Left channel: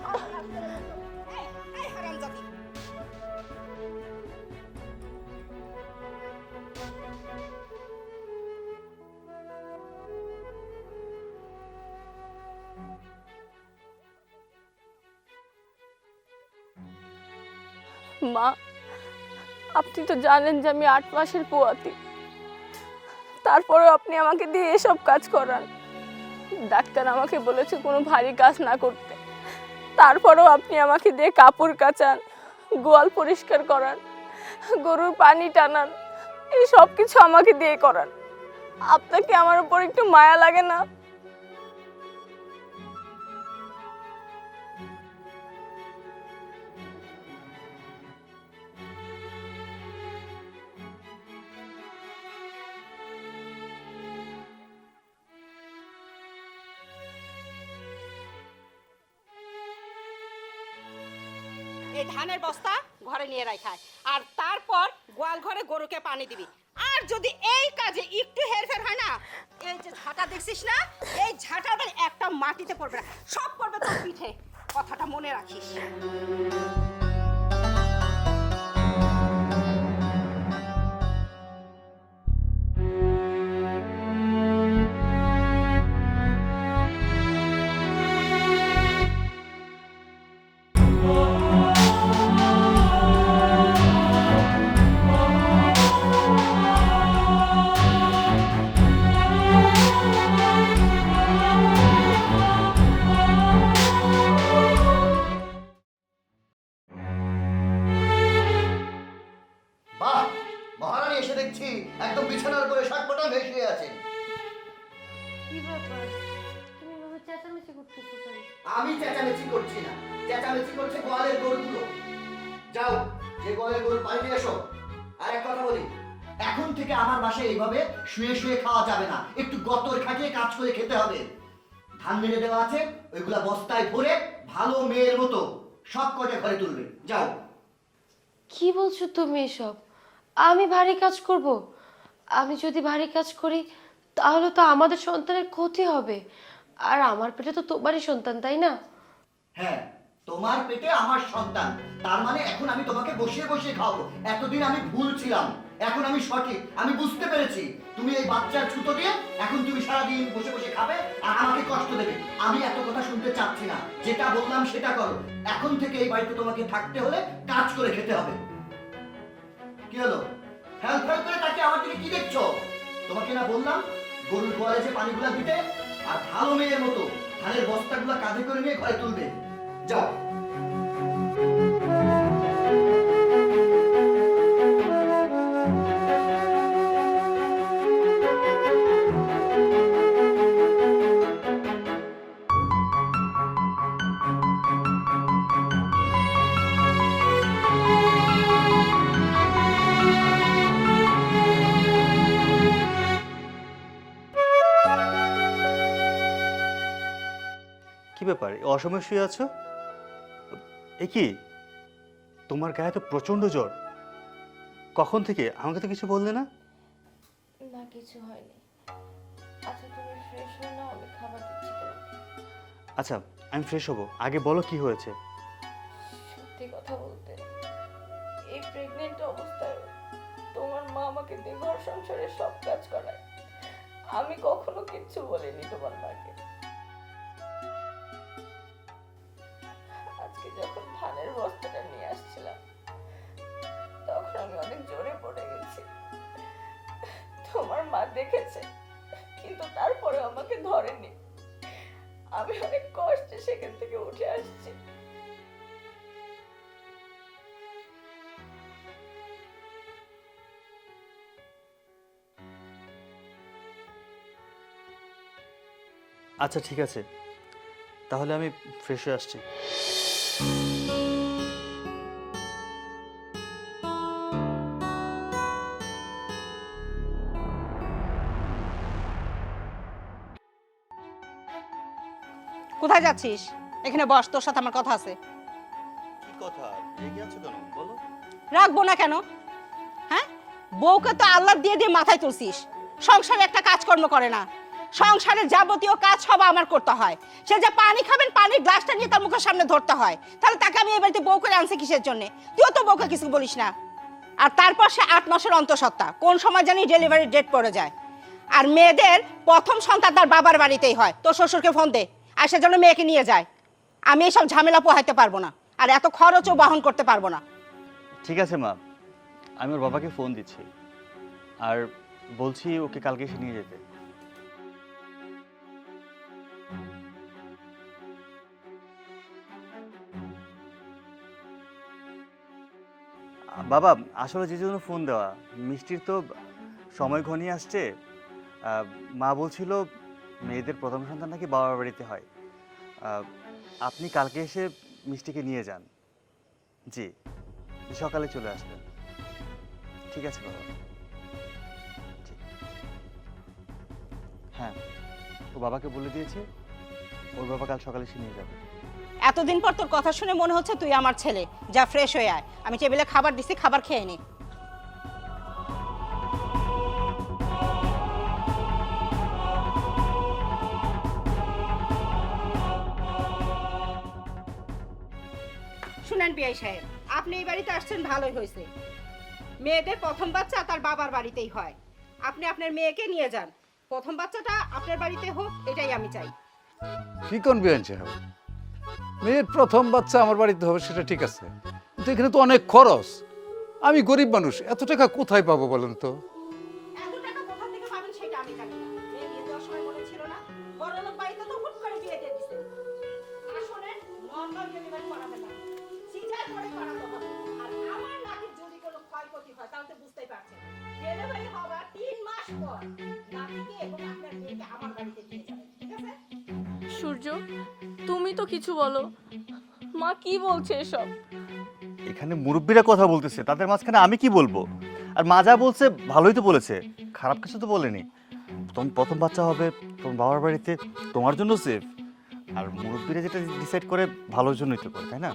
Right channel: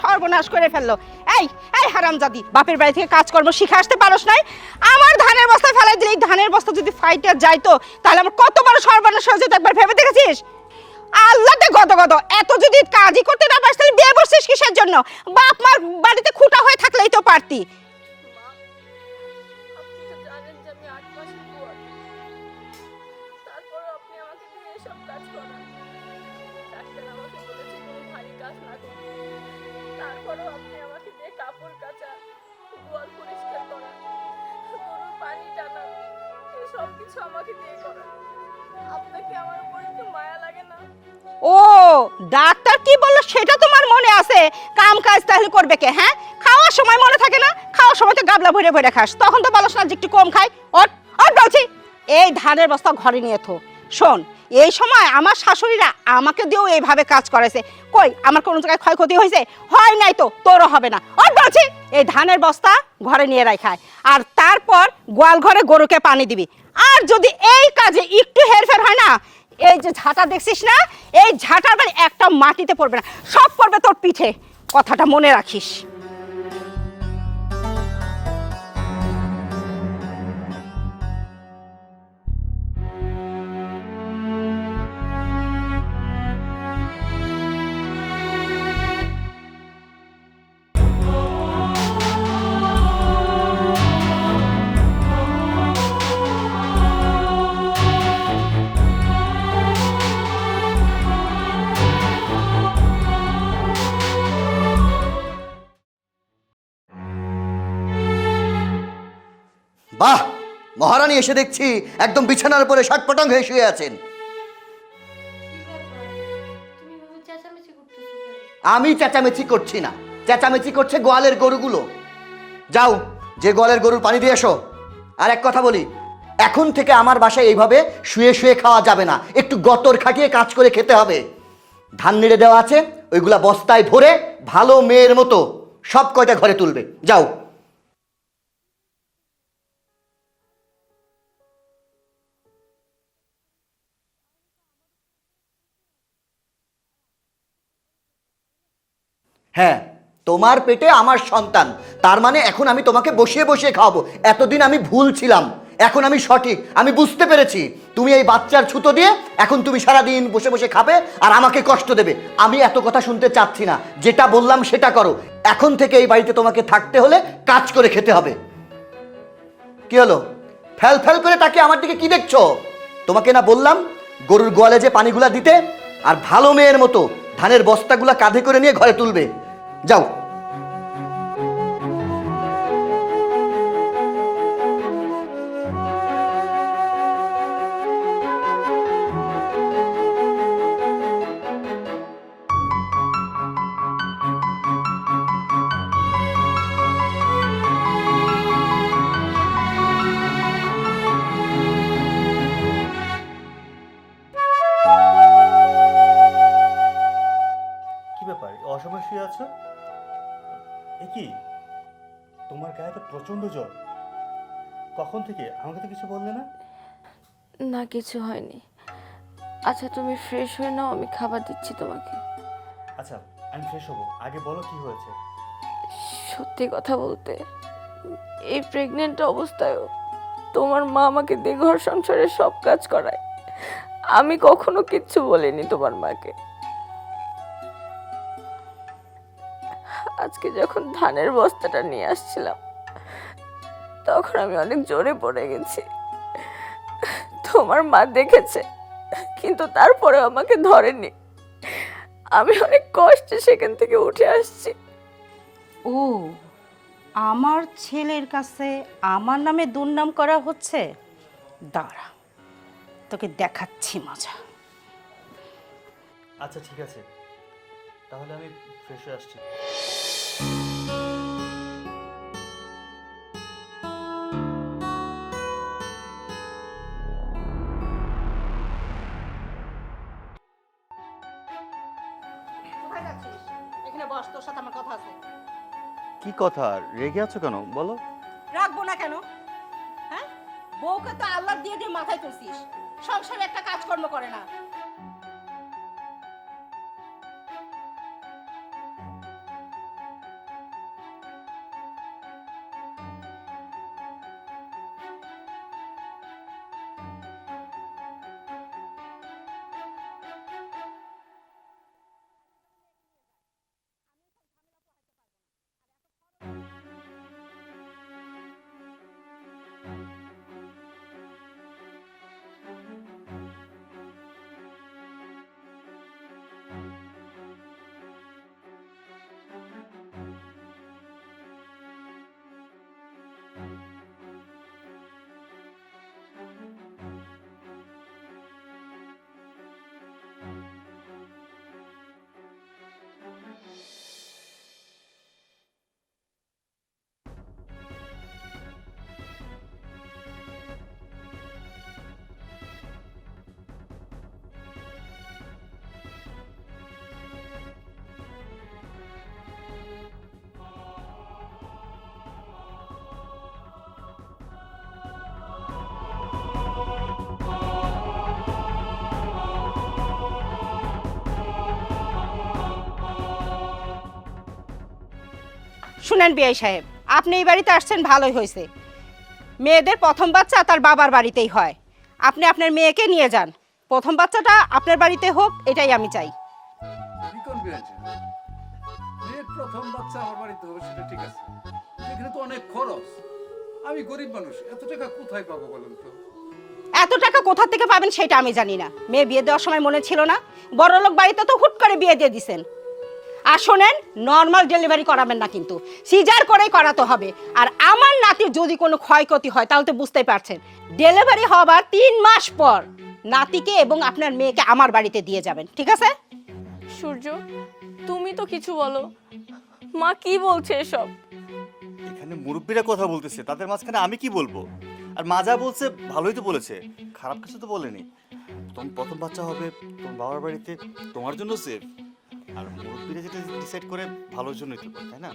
সর্বনাশ করে ফেললো। এই এই হারামজাদি, বাপের বাড়ি থেকে কাজকর্ম শিখে আসতে পারোস নাই? আমার ধানের বস্তা ফেলাই দিলে এই ধানের বস্তা যদি ফাইটে যাইতো তাহলে আমার কত বড় সর্বনাশ হয়ে যেত, একবার ভেবে দেখেছিস? আল্লাহতে গদ গদ, এত যদি কাজই করতে না পারিস তাহলে বিয়ে বসছিস কিসের জন্য? বাপ মার বাড়িতে খুঁটা হয়ে থাকলেই তো পারতি। মা, আপনি তো জানেন যে আমি 8 মাসের পোয়াতি, তারপরেও আপনি আমাকে দিয়ে এসব কাজ করান। ডাক্তার আমাকে বলেছে কোনো ভারী কাজ না করতে, তারপরেও আপনি আমাকে দিয়ে কাপড় কাচান, গোয়াল পরিষ্কার করান, গরুর পানি টানান, এই সব কিছু আমাকে দিয়ে করান। আপনাকে আমার উপর একটু মায়া লাগে না? ও, ডাক্তার কি বললো সেটা তোমার মনে আছে? কাম কাজ তাহলে করবে কে? হ্যাঁ, খাওয়ার সময় মনে থাকে না? খাওয়ার সময় তো গাবলা ভরে ভরে খাস, তখন তো বলস না যে একটু কম খাই। ওর ওর বলছি, এই ধানের বস্তা ঘরে নিয়ে থো। শোন, এই সময় আমার শাশুড়িরা আমাকে দিয়েও এইভাবে কাজ করেছে। কই আমার কোনো জায়গায় ক্ষয়ক্ষতি হয়েছে? হয় নাই তো, তোরও হবে না। ওর বলছি, এই ধানের বস্তা ঘরে নিয়ে রাখায়, আর তারপর গোয়াল ঘরে গরুকে পানি দিবি। আর যদি এই কাজে একটু হেরফের হয় না, এই যে ঝাঁটা দেখছিস না, এই ঝাঁটার মানে একটা মাটিতে পড়বে না, সব পড়বে তোর পিঠে। কথাটা মনে রাখিস। বাহ, মহারানী এসে দেখছি একদম বিছানার উপরে শটপটাং হয়ে শুয়ে আছেন। আমি চেঁচামেচি করছি না, চেঁচামেচি করছে গোয়ালের গরুগুলো। যাও, যে গোয়ালের গরুর পানি দিয়ে এসো। আর এক কথা বলি, এখন থেকে আমার বাসায় এইভাবে শুয়ে শুয়ে খাওয়া যাবে না, একটু গতর খাটিয়ে কাজ করে খেতে হবে। ধান নেড়ে দেওয়া আছে, ওইগুলা বস্তায় ভরে ভালো মেয়ের মতো সব কয়টা ঘরে তুলবে। যাও। কি বলছো তুমি এসব? আমি ভারী কাজ করব? আমি যদি ভারী কাজ করি তাহলে তো আমাদের সন্তানের ক্ষতি হবে, আর আমার পেটে তো তোমারই সন্তান, তাই না? হ্যাঁ, তোমার পেটে আমার সন্তান, তার মানে এখন আমি তোমাকে বসিয়ে বসিয়ে খাওয়াবো। এতদিন আমি ভুল ছিলাম, এখন আমি সঠিক, আমি বুঝতে পেরেছি। তুমি এই বাচ্চার ছুতো দিয়ে এখন তুমি সারাদিন বসে বসে খাবে আর আমাকে কষ্ট দেবে। আমি এত কথা শুনতে চাচ্ছি না, যেটা বললাম সেটা করো। এখন থেকে এই বাড়িতে তোমাকে থাকতে হলে কাজ করে খেতে হবে। কি হলো, ফেল ফেল করে তাকে আমার দিকে কি দেখছো? তোমাকে না বললাম গরুর গোয়ালে যে পানিগুলা দিতে, আর ভালো মেয়ের মতো ধানের বস্তাগুলা কাঁধে করে নিয়ে ঘরে তুলবে। যাও। কি ব্যাপার, অসময় শুয়ে আছো? এ কি, তোমার গায়ে তো প্রচন্ড জ্বর। কখন থেকে? আমাকে তো কিছু বললে না। না, কিছু হয়নি। আচ্ছা, তুমি ফ্রেশ হয়ে নাও, আমি খাবার দিচ্ছি তোমাকে। আচ্ছা, আমি ফ্রেশ হবো, আগে বলো কি হয়েছে। সত্যি কথা বলতে, এই প্রেগনেন্ট অবস্থায়ও তোমার মা আমাকে দিয়ে ঘর সংসারের সব কাজ করায়। আমি কখনো কিচ্ছু বলিনি তোমার মাকে। আজকে যখন ধানের বস্তাটা নিয়ে আসছিলাম তখন আমি অনেক জোরে পড়ে গেছি। তোমার মা দেখেছে, কিন্তু তারপরে আমাকে ধরেনি। আমি অনেক কষ্টে সেখান থেকে উঠে আসছি। ও, আমার ছেলের কাছে আমার নামে দুর্নাম করা হচ্ছে। দাঁড়া, তোকে দেখাচ্ছি মজা। আচ্ছা ঠিক আছে, তাহলে আমি ফ্রেশ হয়ে আসছি। কোথায় যাচ্ছিস? এখানে বস, তোর সাথে আমার কথা আছে। কি কথা, রেগে আছো কেন বলো? রাখবো না কেন? হ্যাঁ, বউকে তো আল্লাহ দিয়ে দিয়ে মাথায় তুলছিস, সংসারে একটা কাজকর্ম করে না। সংসারের যাবতীয় কাজ সব আমার করতে হয়। সে যে পানি খাবেন, পানির গ্লাসটা নিয়ে তার মুখের সামনে ধরতে হয়। তাহলে তাকে আমি এই বাড়িতে বউ করে আনছি কিসের জন্য? তুইও তো বউকে কিছু বলিস না। আর তারপর সে 8 মাসের অন্তঃসত্ত্বা, কোন সময় জানি ডেলিভারি ডেট পড়ে যায়। আর মেয়েদের প্রথম সন্তান তার বাবার বাড়িতেই হয়। তোর শ্বশুরকে ফোন দে, আর সে যেন মেয়েকে নিয়ে যায়। আমি এসব ঝামেলা পোহাইতে পারবো না, আর এত খরচও বহন করতে পারবো না। ঠিক আছে মা, আমি ওর বাবাকে ফোন দিচ্ছি আর বলছি ওকে কালকে এসে নিয়ে যেতে। বাবা, আসলে যে জন্য ফোন দেওয়া, মিষ্টির তো সময় ঘনিয়ে আসছে। মা বলছিল মেয়েদের প্রথম সন্তান নাকি বাবার বাড়িতে হয়। আপনি কালকে এসে মিষ্টিকে নিয়ে যান। জি, সকালে চলে আসবেন। ঠিক আছে বাবা। হ্যাঁ, ও বাবাকে বলে দিয়েছে, ওর বাবা কাল সকালে এসে নিয়ে যাবে। এতদিন পর তোর কথা শুনে মনে হচ্ছে তুই আমার ছেলে। যা, ফ্রেশ হয়ে আয়, আমি টেবিলে খাবার দিছি, খাবার খেয়ে নে। শুনেন বিআই সাহেব, আপনি এই বাড়িতে আসছেন ভালোই হয়েছে। মেয়েদের প্রথম বাচ্চা তার বাবার বাড়িতেই হয়। আপনি আপনার মেয়েকে নিয়ে যান, প্রথম বাচ্চাটা আপনার বাড়িতে হোক, এটাই আমি চাই। কি কোন বিয়ান সাহেব, মেয়ের প্রথম বাচ্চা আমার বাড়িতে হবে সেটা ঠিক আছে, কিন্তু এখানে তো অনেক খরচ। আমি গরিব মানুষ, এত টাকা কোথায় পাবো বলেন তো? এত টাকা কোথা থেকে পাবেন সেটা আমি জানি না। মেয়ে বিয়ে দেওয়ার সময় মনে ছিল না? বড়লোক বাড়িতে তো হুট করে বিয়ে দিয়ে দিছেন। আর শোনেন, নর্মাল ডেলিভারি করাবেন না, কিন্তু সিজার করেই করাতে হবে। আর আমার নাতির যদি কোনো ক্ষয়ক্ষতি হয় তাহলে তো বুঝতেই পারছেন, ডেলিভারি হবার 3 মাস পর নাতিকে এবং আপনার মেয়েকে আমার বাড়িতে দিয়ে যাবেন, ঠিক আছে? সূর্য, তুমি তো কিছু বলো। মা কি বলছে এসব? এখানে মুরব্বীরা কথা বলতেছে, তাদের মাঝখানে আমি কি বলবো? আর মা যা বলছে ভালোই তো বলেছে, খারাপ কিছু তো বলেনি। তোমার প্রথম বাচ্চা হবে তোমার বাবার বাড়িতে, তোমার জন্য সেফ। আর মুরব্বীরা যেটা ডিসাইড করে ভালোর জন্যই তো করে, তাই না?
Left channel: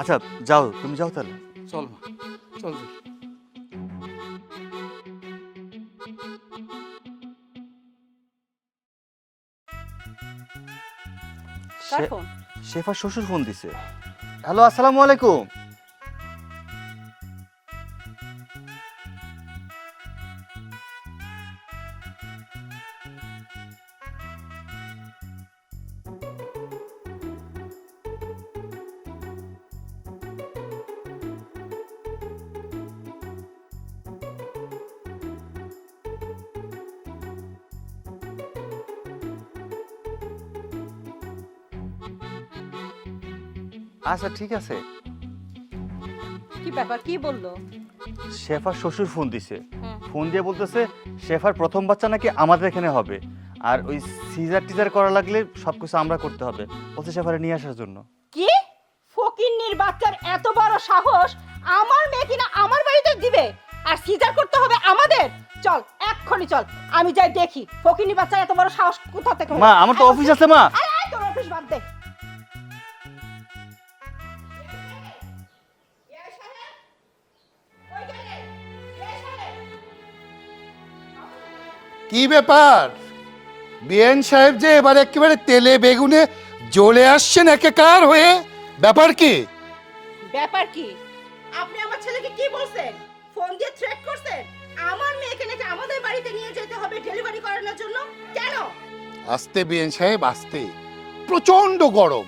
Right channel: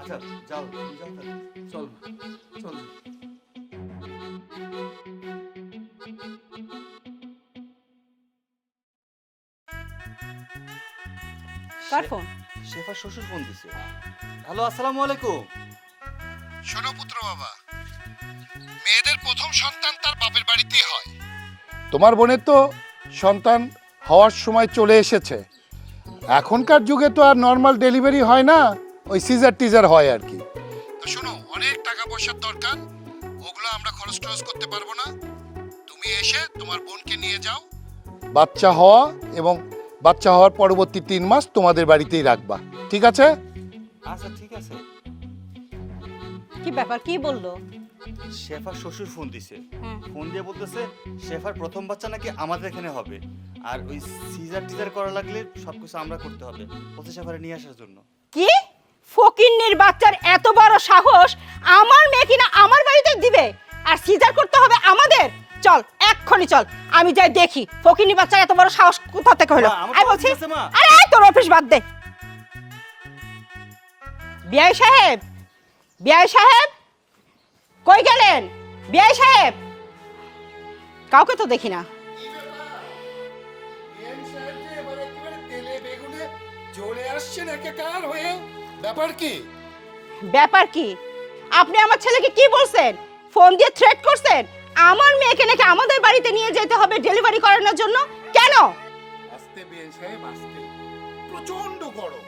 আচ্ছা যাও, তুমি যাও তাহলে। চল চল। কার ফোন? শেফার শ্বশুর ফোন দিছে। হ্যালো, আসসালামু আলাইকুম। শোনো পুত্র বাবা, মেয়েদের প্রথম সন্তান তার বাপের বাড়িতেই হয়। তোমার বোনের তো সন্তান হওয়ার সময় চলে এসেছে। এখনকার যুগে তো আর নর্মাল ডেলিভারি হয় না, ওই সিজার টিজার হয় আর কি। তো শোনো, অনেক টাকা পয়সার দরকার, ওগুলো আমরা খরচ টরচ করতে পারবো না। তুমি এসে তোমার বোনকে নিয়ে যাও, বাচ্চা হওয়া এবং বাচ্চা হওয়ার পরবর্তী 3 মাস তোমাদের বাড়িতেই রাখবা, ঠিক আছে? আচ্ছা ঠিক আছে। কি ব্যাপার, কি বললো? শেফার শ্বশুর ফোন দিছে, ফোন দিয়ে বলতেছে শেফার প্রথম বাচ্চা নাকি আমাদের এখানে হবে, আর ওই সিজার টিজার করা লাগলে সবকিছু আমরা করতে হবে, বলছে শেফারে নিয়ে আসার জন্য। কি ফকিন্নির বাচ্চার এত বড় সাহস, আমার মেয়ে কিনা আমার বাড়িতে দিবে, আর সিজার করতে হবে আমাদের? চল এক্ষুনি চল, আমি যাই দেখি ফকিন্নির বাচ্চার এত বড় সাহস কোথা থেকে হলো। মা, আমার তো অফিস আছে মা। আরে তোর অফিস বাদ দে। বিআই সাহেব, বিআই সাহেব কই গেলেন? বিআই সাহেব, কাউকে তো দেখি না। কি ব্যাপার বিএন সাহেব যে এবার একেবারে তেলে বেগুনে জ্বলে আসছেন একাকার হয়ে, ব্যাপার কি? ব্যাপার কি? আপনি আমার ছেলেকে কি বলছেন? ফোন দিয়ে থ্রেট করছেন আমার মেয়েকে নাকি আমাদের বাড়িতে নিয়ে যেতে হবে ডেলিভারি করানোর জন্য। কেন? আস্তে বিএন সাহেব আস্তে, প্রচন্ড গরম,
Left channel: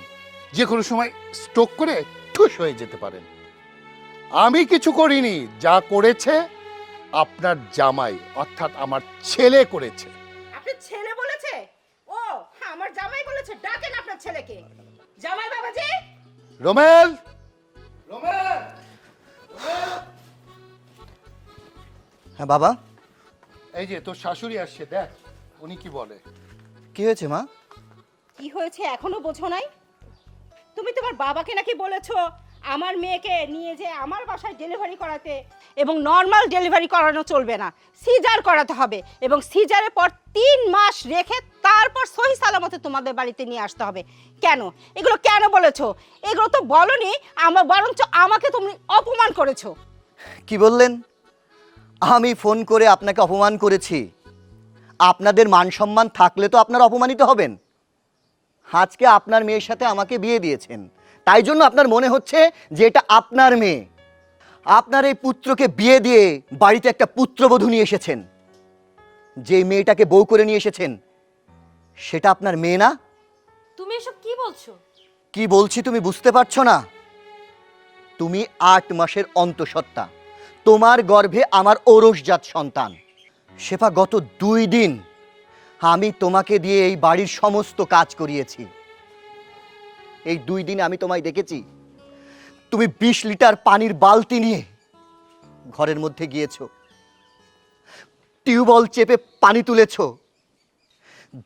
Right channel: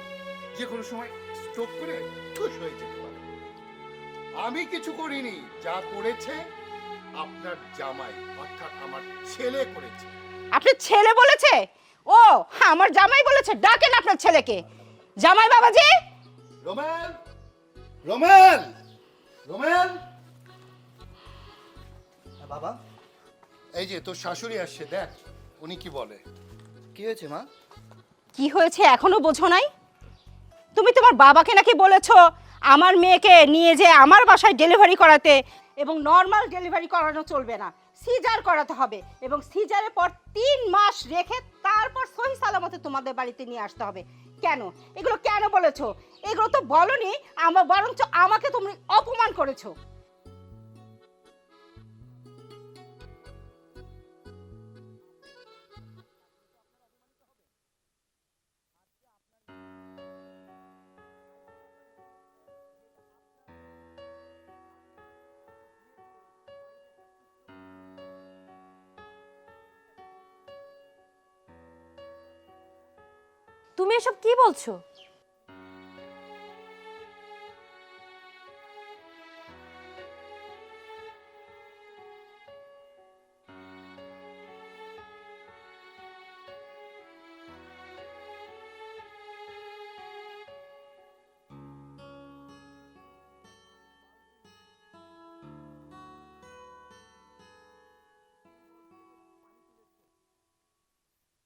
যে কোনো সময় স্ট্রোক করে ঠুস হয়ে যেতে পারেন। আমি কিছু করিনি, যা করেছে আপনার জামাই অর্থাৎ আমার ছেলে করেছে। আপনার ছেলে বলেছে? ও, আমার জামাই বলেছে। ডাকেন আপনার ছেলেকে। জামাই বাবাজি। Rommel, Rommel, Rommel. হ্যাঁ বাবা। এই যে তোর শাশুড়ি আসছে, দেখ উনি কি বলে। কি হয়েছে মা? কি হয়েছে এখনো বোঝো নাই? তুমি তোমার বাবাকে নাকি বলেছো আমার মেয়েকে নিয়ে যে আমার বাসায় ডেলিভারি করাতে, এবং নর্মাল ডেলিভারি করানো চলবে না, সিজার করাতে হবে, এবং সিজারের পর 3 মাস রেখে তারপর সহি সালামতে তোমাদের বাড়িতে নিয়ে আসতে হবে। কেন এগুলো কেন বলেছো? এগুলো তো বলনি, আমার বরঞ্চ আমাকে তুমি অপমান করেছো। কি বললেন? আমি ফোন করে আপনাকে অপমান করেছি? আপনাদের মান সম্মান থাকলে তো আপনারা অপমানিত হবেন। আজকে আপনার মেয়ের সাথে আমাকে বিয়ে দিয়েছেন, তাই জন্য আপনার মনে হচ্ছে যে এটা আপনার মেয়ে। আপনার এই পুত্রকে বিয়ে দিয়ে বাড়িতে একটা পুত্রবধূ নিয়ে এসেছেন। যে মেয়েটাকে বউ করে নিয়ে এসেছেন সেটা আপনার মেয়ে না? তুমি এসব কি বলছো? কি বলছি তুমি বুঝতে পারছো না? তুমি 8 মাসের অন্তঃসত্ত্বা, তোমার গর্ভে আমার ঔরসজাত সন্তান। শেফা, গত 2 দিন আমি তোমাকে দিয়ে এই বাড়ির সমস্ত কাজ করিয়েছি। এই 2 দিনে আমি তোমায় দেখেছি তুমি 20 লিটার পানির বালতি নিয়ে ঘরের মধ্যে গিয়েছো, টিউবওয়েল চেপে পানি তুলেছো,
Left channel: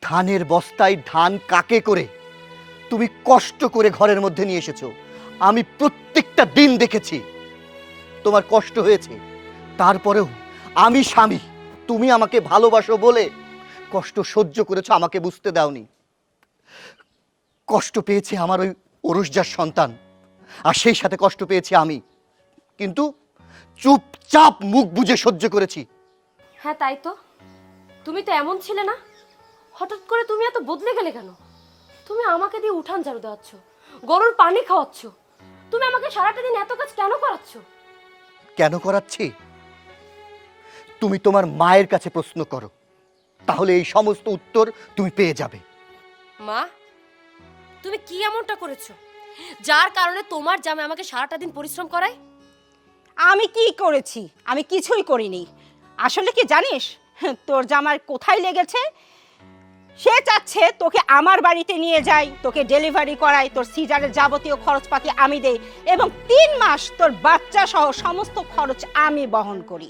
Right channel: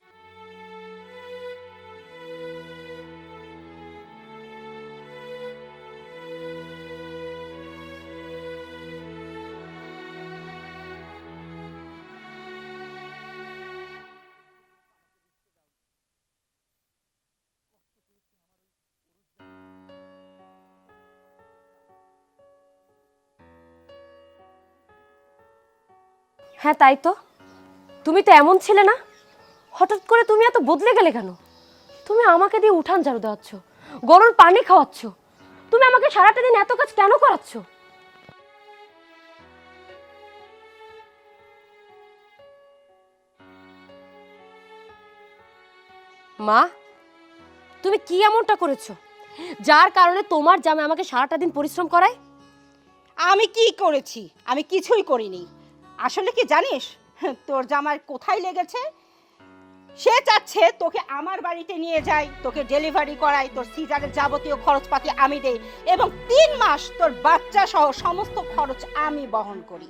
ধানের বস্তায় ধান কাকে করে তুমি কষ্ট করে ঘরের মধ্যে নিয়ে এসেছো। আমি প্রত্যেকটা দিন দেখেছি তোমার কষ্ট হয়েছে। তারপরেও আমি স্বামী, তুমি আমাকে ভালোবাসো বলে কষ্ট সহ্য করেছো, আমাকে বুঝতে দাওনি। কষ্ট পেয়েছে আমার ওই ঔরসজাত সন্তান, আর সেই সাথে কষ্ট পেয়েছি আমি, কিন্তু চুপচাপ মুখ বুজে সহ্য করেছি। হ্যাঁ তাই তো, তুমি তো এমন ছিলে না, হঠাৎ করে তুমি এত বদলে গেলে কেন? তুমি আমাকে দিয়ে উঠান ঝাড়ু দেওয়াচ্ছ, গরুর পানি খাওয়াচ্ছ, তুমি আমাকে সারাটা দিন এত কাজ কেন করাচ্ছ? কেন করাচ্ছি তুমি তোমার মায়ের কাছে প্রশ্ন করো, তাহলে এই সমস্ত উত্তর তুমি পেয়ে যাবে। মা, তুমি কি এমনটা করেছো যার কারণে তোমার জামাই আমাকে সারাটা দিন পরিশ্রম করায়? আমি কি করেছি? আমি কিছুই করিনি। আসলে কি জানিস, তোর জামার কোথায় লেগেছে? সে চাচ্ছে তোকে আমার বাড়িতে নিয়ে যাই, তোকে ডেলিভারি করাই, তোর সিজারের যাবতীয় খরচপাতি আমি দেই, এবং 3 মাস তোর বাচ্চা সহ সমস্ত খরচ আমি বহন করি।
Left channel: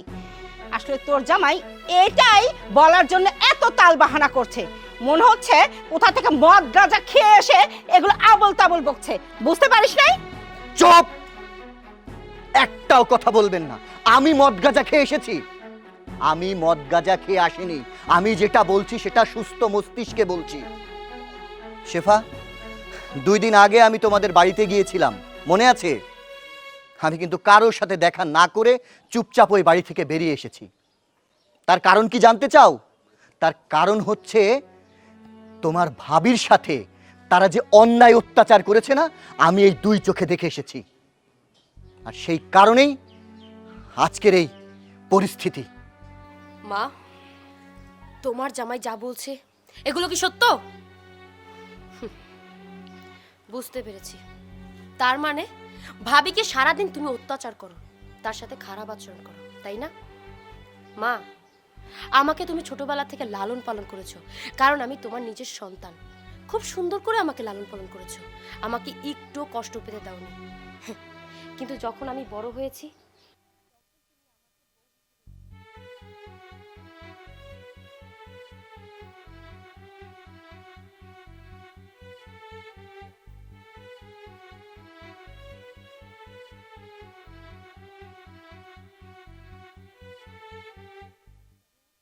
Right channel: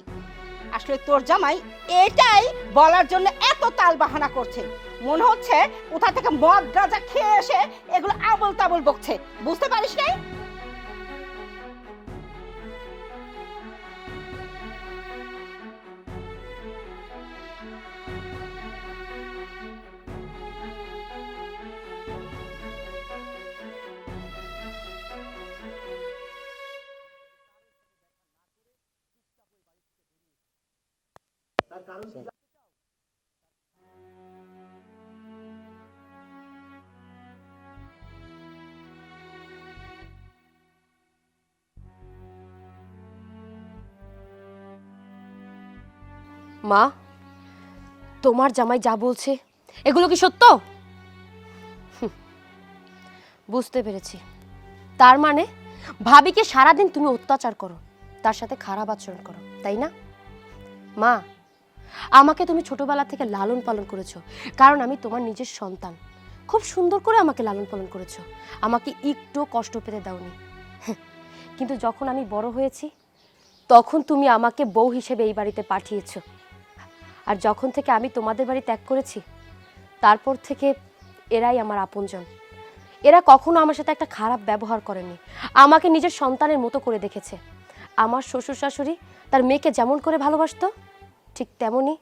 আসলে তোর জামাই এটাই বলার জন্য এত তাল বাহানা করছে, মনে হচ্ছে কোথা থেকে মদ গাঁজা খেয়ে এসে এগুলো আবল তাবল বকছে। বুঝতে পারিস নাই? চুপ! একটাও কথা বলবেন না। আমি মদ গাঁজা খেয়ে এসেছি? আমি মদ গাঁজা খেয়ে আসিনি। আমি যেটা বলছি সেটা সুস্থ মস্তিষ্কে বলছি। শেফা, 2 দিন আগে আমি তোমাদের বাড়িতে গিয়েছিলাম, মনে আছে? আমি কিন্তু কারোর সাথে দেখা না করে চুপচাপ ওই বাড়ি থেকে বেরিয়ে এসেছি। তার কারণ কি জানতে চাও? তার কারণ হচ্ছে তোমার ভাবির সাথে তারা যে অন্যায় অত্যাচার করেছে না, আমি এই 2 চোখে দেখে এসেছি। আর সেই কারণেই আজকের এই পরিস্থিতি। মা, তোমার জামাই যা বলছে এগুলো কি সত্য? বুঝতে পেরেছি, তার মানে ভাবিকে সারাদিন তুমি অত্যাচার করো, তার সাথে খারাপ আচরণ করো, তাই না? মা, আমাকে তুমি ছোটবেলা থেকে লালন পালন করেছো, কারণ আমি তোমার নিজের সন্তান। খুব সুন্দর করে আমাকে লালন পালন করেছো, আমাকে একটু কষ্ট পেতে দাওনি। কিন্তু যখন আমি বড় হয়েছি তখন তুমি আমাকে বউ হিসেবে এই বাড়িতে পাঠিয়েছো। আর যখন থেকে আমি তোমাদের বাড়ি ত্যাগ করেছি, তারপর থেকে এরাই আমার আপনজন। এরা কখনো আমার সাথে একটা খারাপ ব্যবহার করেনি, আমাকে নিজের সন্তানের মতো করে দেখেছে। আমার শ্বশুর শাশুড়ি তার মেয়েকে যেমন করে ভালোবাসতো, ঠিক তেমনই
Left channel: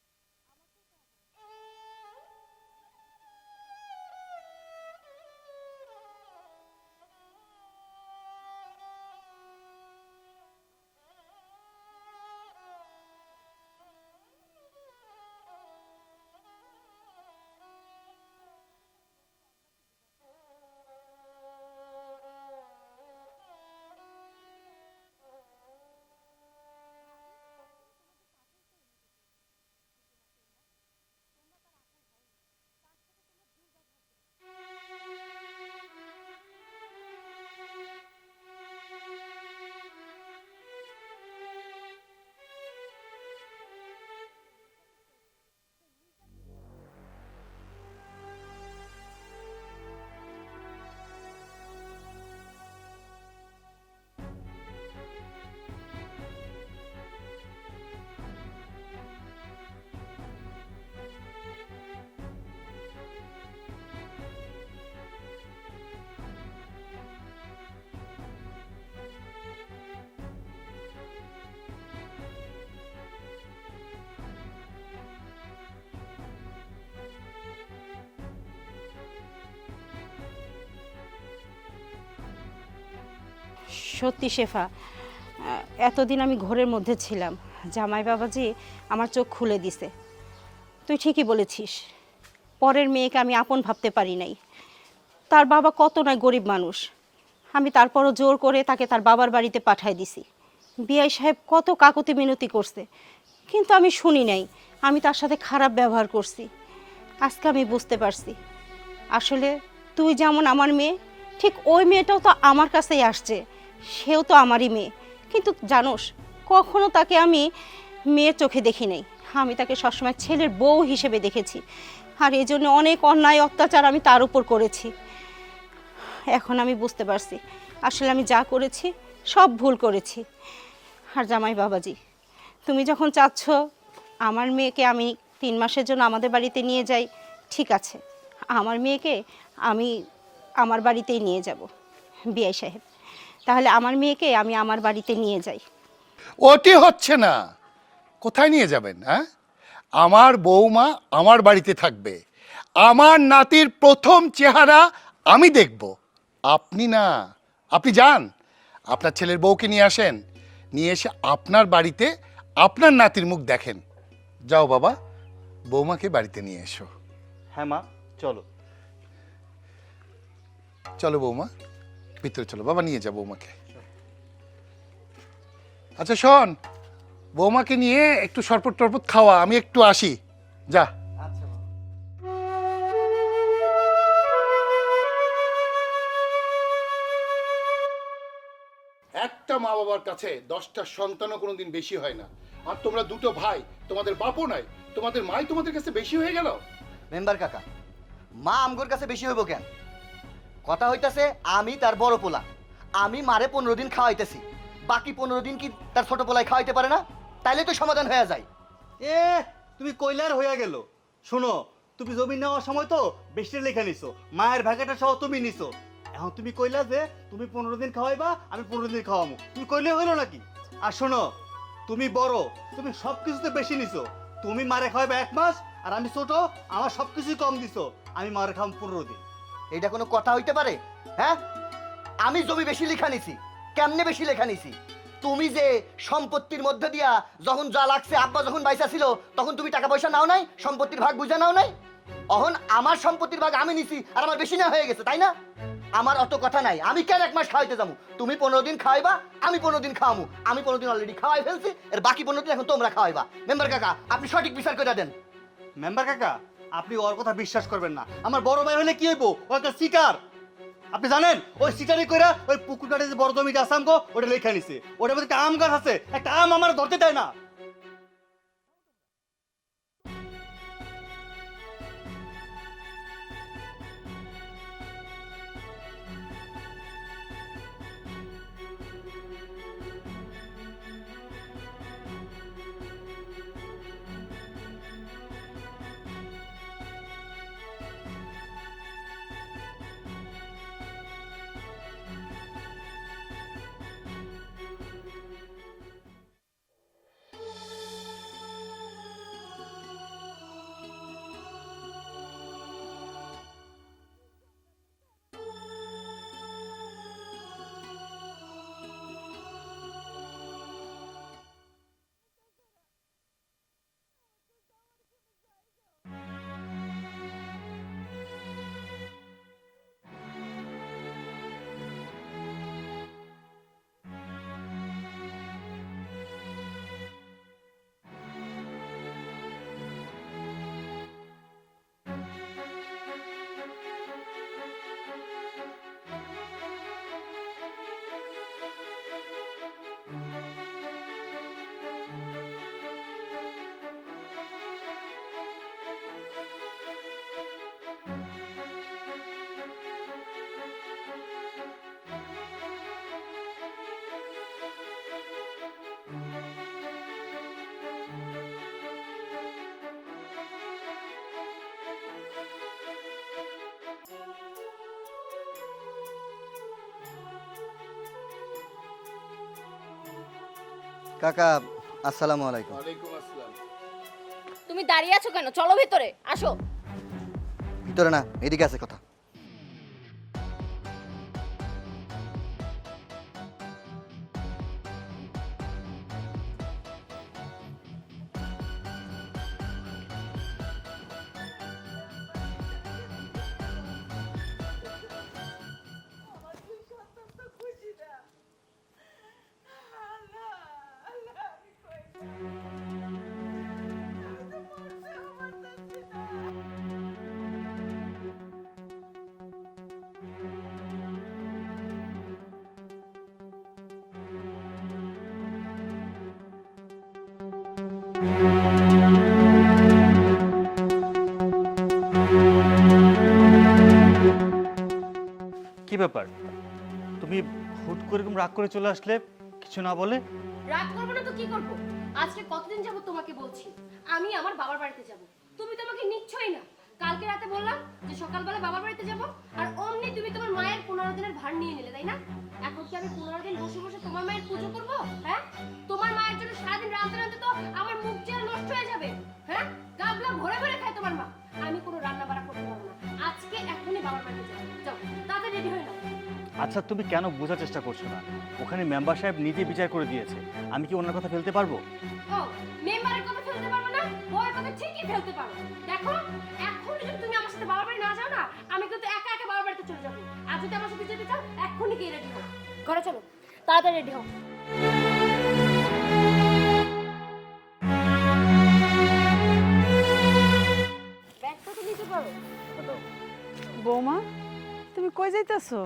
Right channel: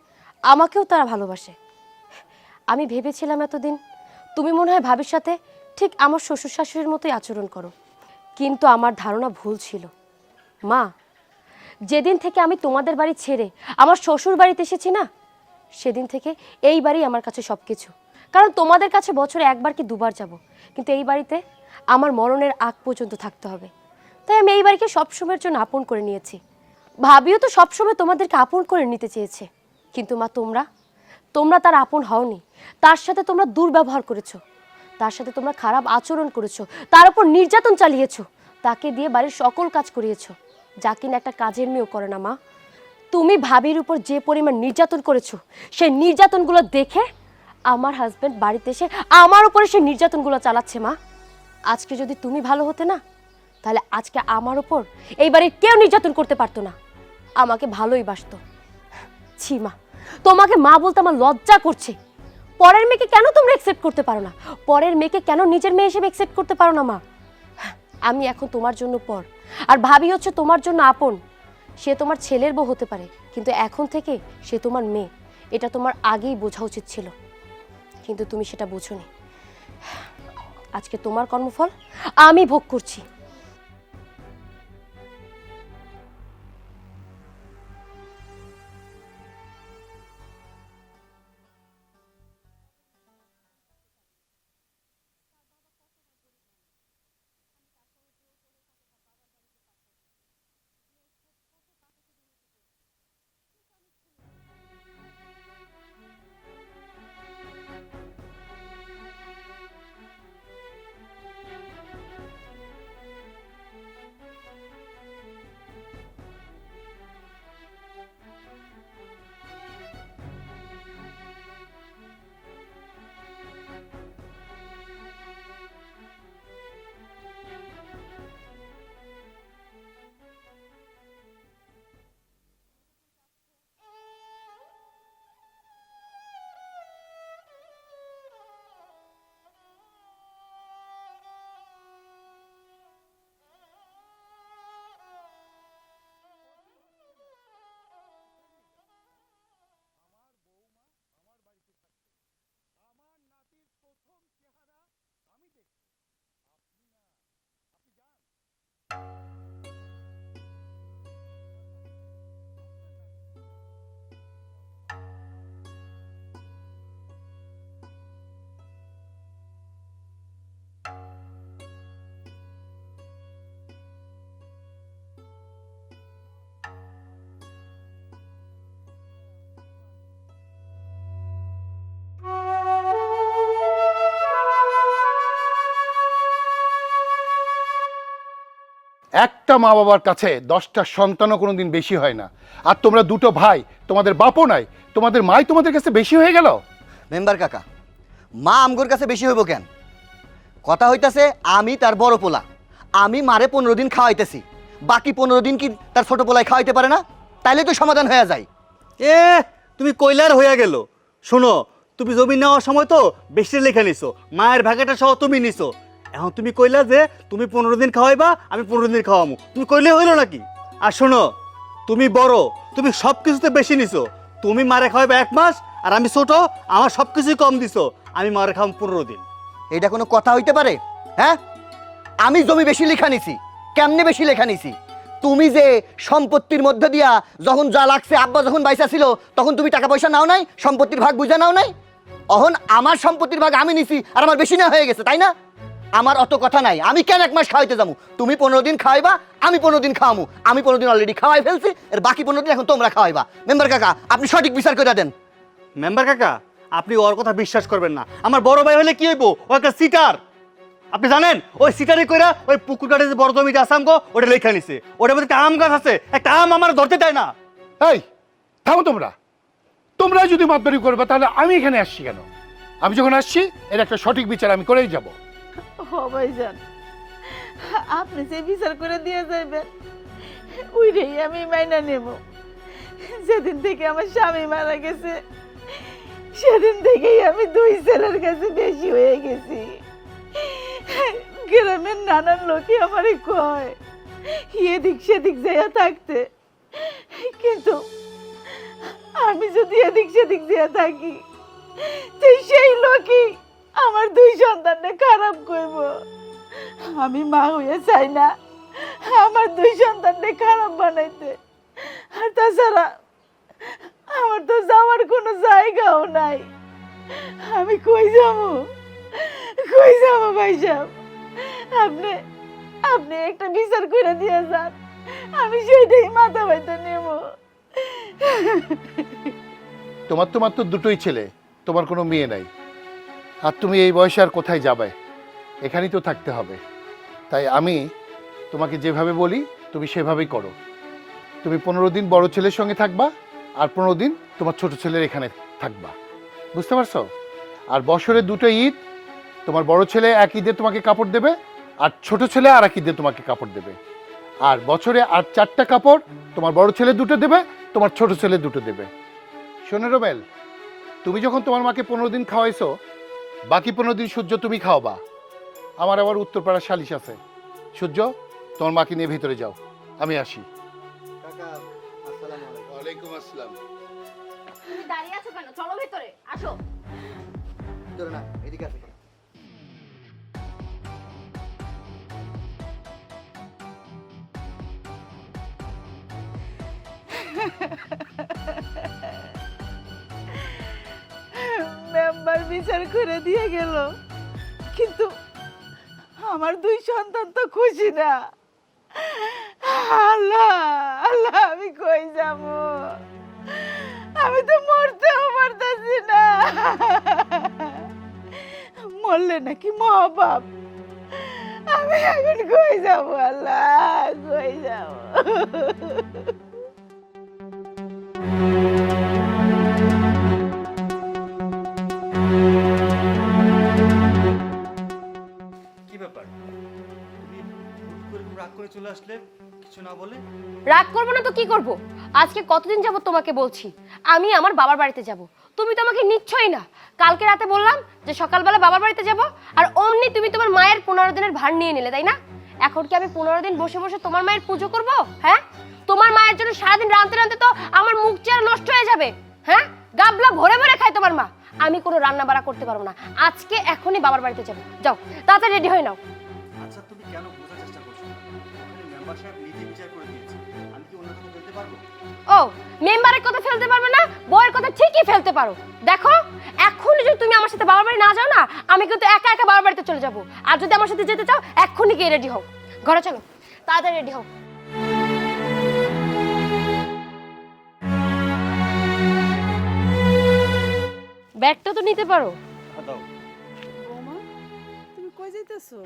আমাকেও তারা ভালোবাসে। আমি ভেবেছিলাম এতদিন তুমি মনে হয় ভাবির সাথে ঠিক আমার শ্বশুর শাশুড়ির মতোই আচরণ করো, কিন্তু আমার ধারণা ভুল ছিল। মা, যেদিন থেকে আমি তোমাদের বাড়ি ছেড়ে আমার শ্বশুর বাড়িতে এসেছি না, সেদিন থেকে এই বাড়ি আমার কাছে সব কিছু। কারণ তোমাদের কাছে বছরে 1বার কি 2বার যাব, কিন্তু এই বাড়িতে আমার মরণের আগ পর্যন্ত থাকতে হবে। তাই আমি এই বাড়িকে সবসময়ের জন্য আপন করে নিয়েছি। ভাবিও তো সবসময় তোমাদেরকে আপন করে নিতে চেয়েছে, কিন্তু মা তোমরা তার আপন হওনি। তার সাথে তোমরা দুর্ব্যবহার করেছো, তার সাথে তোমরা খারাপ আচরণ করেছো, তার উপর নির্যাতন চালিয়েছো, তাকে দিয়ে বাড়ির সকল কাজ করিয়েছো, যা কিনা একটা কাজের মেয়েও করে না। মা, তুমি ভাবির উপর যে পরিমাণ নির্যাতন করেছো, সেই নির্যাতনগুলো দেখে আমার হাজবেন্ড বাড়িতে এসে আমার উপরে সেই নির্যাতনগুলো চালাচ্ছে। মা, আজকে যদি তুমি ভালো হতে না, তাহলে আজকে আমার উপর এই বাড়ির কেউ নির্যাতন করতে পারতো না, আমাকে ভালোই বাসতো। ছি মা, তোমাকে মা বলতে আমার লজ্জা করছে। পরের মেয়েকে কেন তোমরা অ্যাকসেপ্ট করতে পারো না? পরের মেয়েকে কেন নিজের মেয়ে হিসেবে অ্যাকসেপ্ট করতে পারো না? মা, আমি এখন তোমার জন্য পর, আর ভাবি হচ্ছে তোমার জন্য আপন। সে তোমার ছেলের বউ হতে পারে, কিন্তু এখন থেকে সে তোমার মেয়ে। এটা তোমার আগেই বোঝা উচিত ছিল, কিন্তু তুমি সেটা বোঝোনি। আজকে তোমার কর্মফল আমি ভোগ করছি। সত্যি শেফা, এতদিন আমি ঘরের মধ্যে ছিলাম, জামাই বাবাজি আমার চোখ খুলে দিছে। তুই ঠিকই বলেছিস, পরের মেয়েকে আমি আপন ভাবতে পারি নাই। তার বাবা কত নয় গরিব মানুষ, আমি তারপরও জোর করে তাকে তার বাবার বাড়িতে পাঠাই দিছি। বিআই সাহেব কত কাকুতি মিনতি করছে, কিন্তু আমি শুনি নাই, আমি তার সাথে খারাপ ব্যবহার করছি। আজকে আমি বুঝতে পারছি, আসলে তুই যেমন আমার মেয়ে, ঠিক ওই মেয়েটাও তো আমার কাছেই আসছে, সেও তো আমারই মেয়ে। কিন্তু জানোস, কখনো তাকে আমি মেয়ের চোখে দেখি নাই, আমি তাকে সবসময় ছেলের বউ হিসেবে দেখেছি। আর এই জন্য অনেক অন্যায় অত্যাচার আমি তার উপর করেছি। এখন আমি বুঝতে পারছি, আসলে আমি যা করেছি সব ভুল করেছি। আর জামাই বাবাজি, তুমি যখন চাচ্ছ আমার মেয়েকে আমি 3 মাসের জন্য আমাদের বাড়িতে নিয়ে যাই, ঠিক আছে, আমার মেয়েকে আমি আমার বাড়িতেই নিয়ে যাব। বিআই সাহেব, তাহলে আমার মেয়েকে আমি আমার বাড়িতে নিয়ে যাই। ওটি হচ্ছে না। কোথায় নিয়ে যাবেন? হ্যাঁ, আমার বৌমা আমার বাড়িতে থাকবে, আমার নাতির প্রথম চেহারা আমি দেখব, আপনি না। আপনি যান, আপনার ছেলের বউকে নিয়ে আসেন, নিয়ে এসে আপনার বাড়িতে আপনার নাতির মুখ দেখেন। যাও বাবা, বৌমাকে বাড়িতে নিয়ে এসো। হ্যাঁ মা, চলো। চলো বৌমা, ভিতরে চলো। বাবা নিয়ে যা বৌমাকে। আচ্ছা শোন, বৌমাকে নিয়ে একটু শরবত টরবত খাওয়া, আমি একটু আসি। যা। একটা মা বাবার কাছে 10টা সন্তানও কোনোদিন বেশি হয় না। আর তোমরা দুটো ভাই, তোমাদের বাপও নাই, তোমাদের মাই তোমাদের কাছে বেশি হয়ে গেল। মেম্বার কাকা, মা আমগোর কাছে বেশি হইব কেন? কথা হইতাছে আমি তার বড় পোলা, আমি মারে 15 দিন খাওয়াইতেছি, বাকি 15 দিন কি তার ছোট পোলায় খাওয়াইতে পারে না? তাইলে তো সমাধান হয়ে যায়। এ তুমি কইলার হইয়া গেল। শোনো, তুমি জমি নেওয়ার সময় তো বেশি লেখা নিছো, মায়ের ভাগাটা সহ তুমি নিছো। এখন তুমি কইলা যে তুমি 15 দিন খাওয়াইবা, আমি 15 দিন খাওয়ামু, তুমি কইলে হইলো নাকি? আর শোনো, তুমি বড়, তুমি সব কিছুতে বেশি নিছো। তুমি মারে খাওয়াইবা 1 মাস, আর আমি ছোট, আমার সব কিছুই কম দিছো, আমি মারে খাওয়াম 15 দিন। এটা কোনো কথা হইতে পারে? হ্যাঁ, আমি জমি বেশি লেখা নিছি। কেমনে বেশি লেখা নিছি? তুমি যে সম্পত্তির মধ্যে দিয়া যখন যা লাগছে, আব্বা যখন বাইসা ছিল তখন তুমি টাকা পয়সা নাও নাই, সম্পত্তির ভাগ বুঝে নাও নাই। অহন আমার সম্পত্তির ভাগ আমি নিছি আর আমার বেশি না হয়ে গেছে, তাই না? আমার অত কথা নাই, আমি কেন 1 মাস খাওয়াইতে যাবো? তুমি 15 দিন খাওয়াইবা, আমি 15 দিন খাওয়ামু। আমি 15 দিন অলরেডি খাওয়াই ফেলছি, এর বাকি 15 দিন এখন তোমরা খাওয়াইবা। মেম্বার কাকা, আপনি সঠিক বিচার করে দেন। মেম্বার কাকা, আপনি ওর কথা বিশ্বাস করবেন না। আমার বড় ভাই হলে কি হইব? ও একটা সিটার। আপনি জানেন, ওই সিটারে কইরা ওই পুকুর কাটে যে বড় জমিটা আছে আমগো, ওটা লেখা নিছে। ওটার মধ্যে একটা আম গাছ আছে, একটা আম আমার ধরতে দেয় না। এই থামো তোমরা। তোমরা যদি মাতবাড়ি করবে তাহলে আমি এখানে আসছি কেন? আমি যখন আসছি এর একটা সঠিক বিচার আমি করেই যাব। ও ভাইজান, আপনি যে বিচার করে দিয়ে যাবেন ওইটাই আমি মাইনা নেব। যেদিন থেকে আমার স্বামী মারা গেছে সেদিন থেকেই আমি 2 ছেলের কাছে বেশি হয়ে গেছি। গ্রামের নানান লোকই আমারে কয় এদিক সেদিক যাইয়া থাকতে, কিন্তু আমি যদি এদিক সেদিক যাইয়া থাকি তো সেই লোকই আমার 2 সন্তানকে খারাপ করব। আমি মা হয়ে চাই না আমার 2 সন্তানকে খারাপ বানাইতে। আর তাছাড়া আমার তো যাওয়ার কোনো জায়গাও নাই। আমি কই যাবো ভাই সাহেব? আপনি আপনি একটা বিচার করে দিয়ে যান, আমি সেইটাই মাথা ব্যথা নেব। তোমার তো মাত্র 2টোই ছেলে, তোমার কোনো মেয়ে নাই। আর তুমি এই বয়সে আর কোথায় যাবে? এখানেই তো থাকতে হবে। তাই আমি তোমাকে যেভাবে বলি তুমি সেভাবেই করো। তুমি 15 দিন বড় ছেলের সঙ্গে থাকবা, আর 15 দিন তোমার ছোট ছেলের এখানে থাকবা। বুঝতে পারছো? আর বছরে 2টো ঈদ, তোমার বড় ছেলে এক ঈদে তোমাকে কাপড় দেবে, আর ছোট ছেলে আর এক ঈদে তোমাকে কাপড় দেবে। আর বছরে আর 4টা কাপড়, তোমার বড় ছেলে 2টো দেবে, তোমার ছোট ছেলে 2টো দেবে। শোনো রোবেল, তুমি যখন তোমার মাকে 15 দিন খাওয়াইছো, বাকি 15 দিন সূর্য তুমি খাওয়াবা। আমার আবার উত্তরপাড়ার সালিশ আছে। সূর্য, তোমার মাকে নিয়ে ভিতরে যাও, আমি আসি। কাকা, আসসালামু আলাইকুম। ওয়ালাইকুম আসসালাম। তুমি দাঁড়িয়ে আছো কেন? চলো ভেতরে আসো। ভিতরে না, এদিকে আছে কথা। আমার বিচার করে দিয়ে গেল, কিন্তু আমার 2 সন্তান তো খুশি না। আল্লাহ আল্লাহ, আমি কই যাব? আমি তো মরতেও পারতেছি না। মরলে নাকি মহাপাপ। আমি এখন কই যাব? আল্লাহ, কই যাব? কি ব্যাপার, তুমি হুট করে এরকম রাগ করে চলে আসলে, কিছু না বলে? রাগ করবো না তো কি করব? আজকে কতদিন যাব তোমাকে বলছি আমি আমার বাবার বাড়িতে যাব, তুমি তো আমাকে নিচ্ছই না। কালকে রাতে বললাম যে সকালবেলা বাবার বাড়িতে যাব, আর অমনি তুমি তোমার মায়ের 15 দিনের ভার নিয়ে নিলে, তাই না? এখন কি আমি 15 দিন বসে বসে তোমার মায়ের পুজো করব? হ্যাঁ, তোমার মায়ের জন্য সারাদিন রাঁধতে রাঁধতে তো আমার মুখ চেহারা নষ্ট হয়ে যাবে। হ্যাঁ, গাবলা ভরে ভরে খায় তোমার মা। আমি কোনো রান্না বাড়া করতে পারবো না। আজকে এখনই বাবার বাড়িতে যাবো। যাও তাড়াতাড়ি রেডি হয়ে নাও। আচ্ছা, তুমি কেন বোঝার চেষ্টা করছো না? ওখানে মেম্বার সাহেব নিজে বিচার করে দিয়েছে, আমি কি অন্য কথা ফেলতে পারবো? ও, মেম্বারের কথা ফেলতে পারবে না, বউয়ের কথা ঠিকই ফেলতে পারো। দেখো, এখনই যদি তুমি আমার সাথে বাবার বাড়ি না যাও না, আমি কিন্তু একা একা বাবার বাড়িতে চলে যাবো। আর যদি আমার সাথে যেতে চাও, এখনই গিয়ে রেডি হও। ঘরে চলো, তাড়াতাড়ি রেডি হও। ব্যাগটা তো নিতে পারো। দাও। বৌমা, তুমি কই যাইতেছো?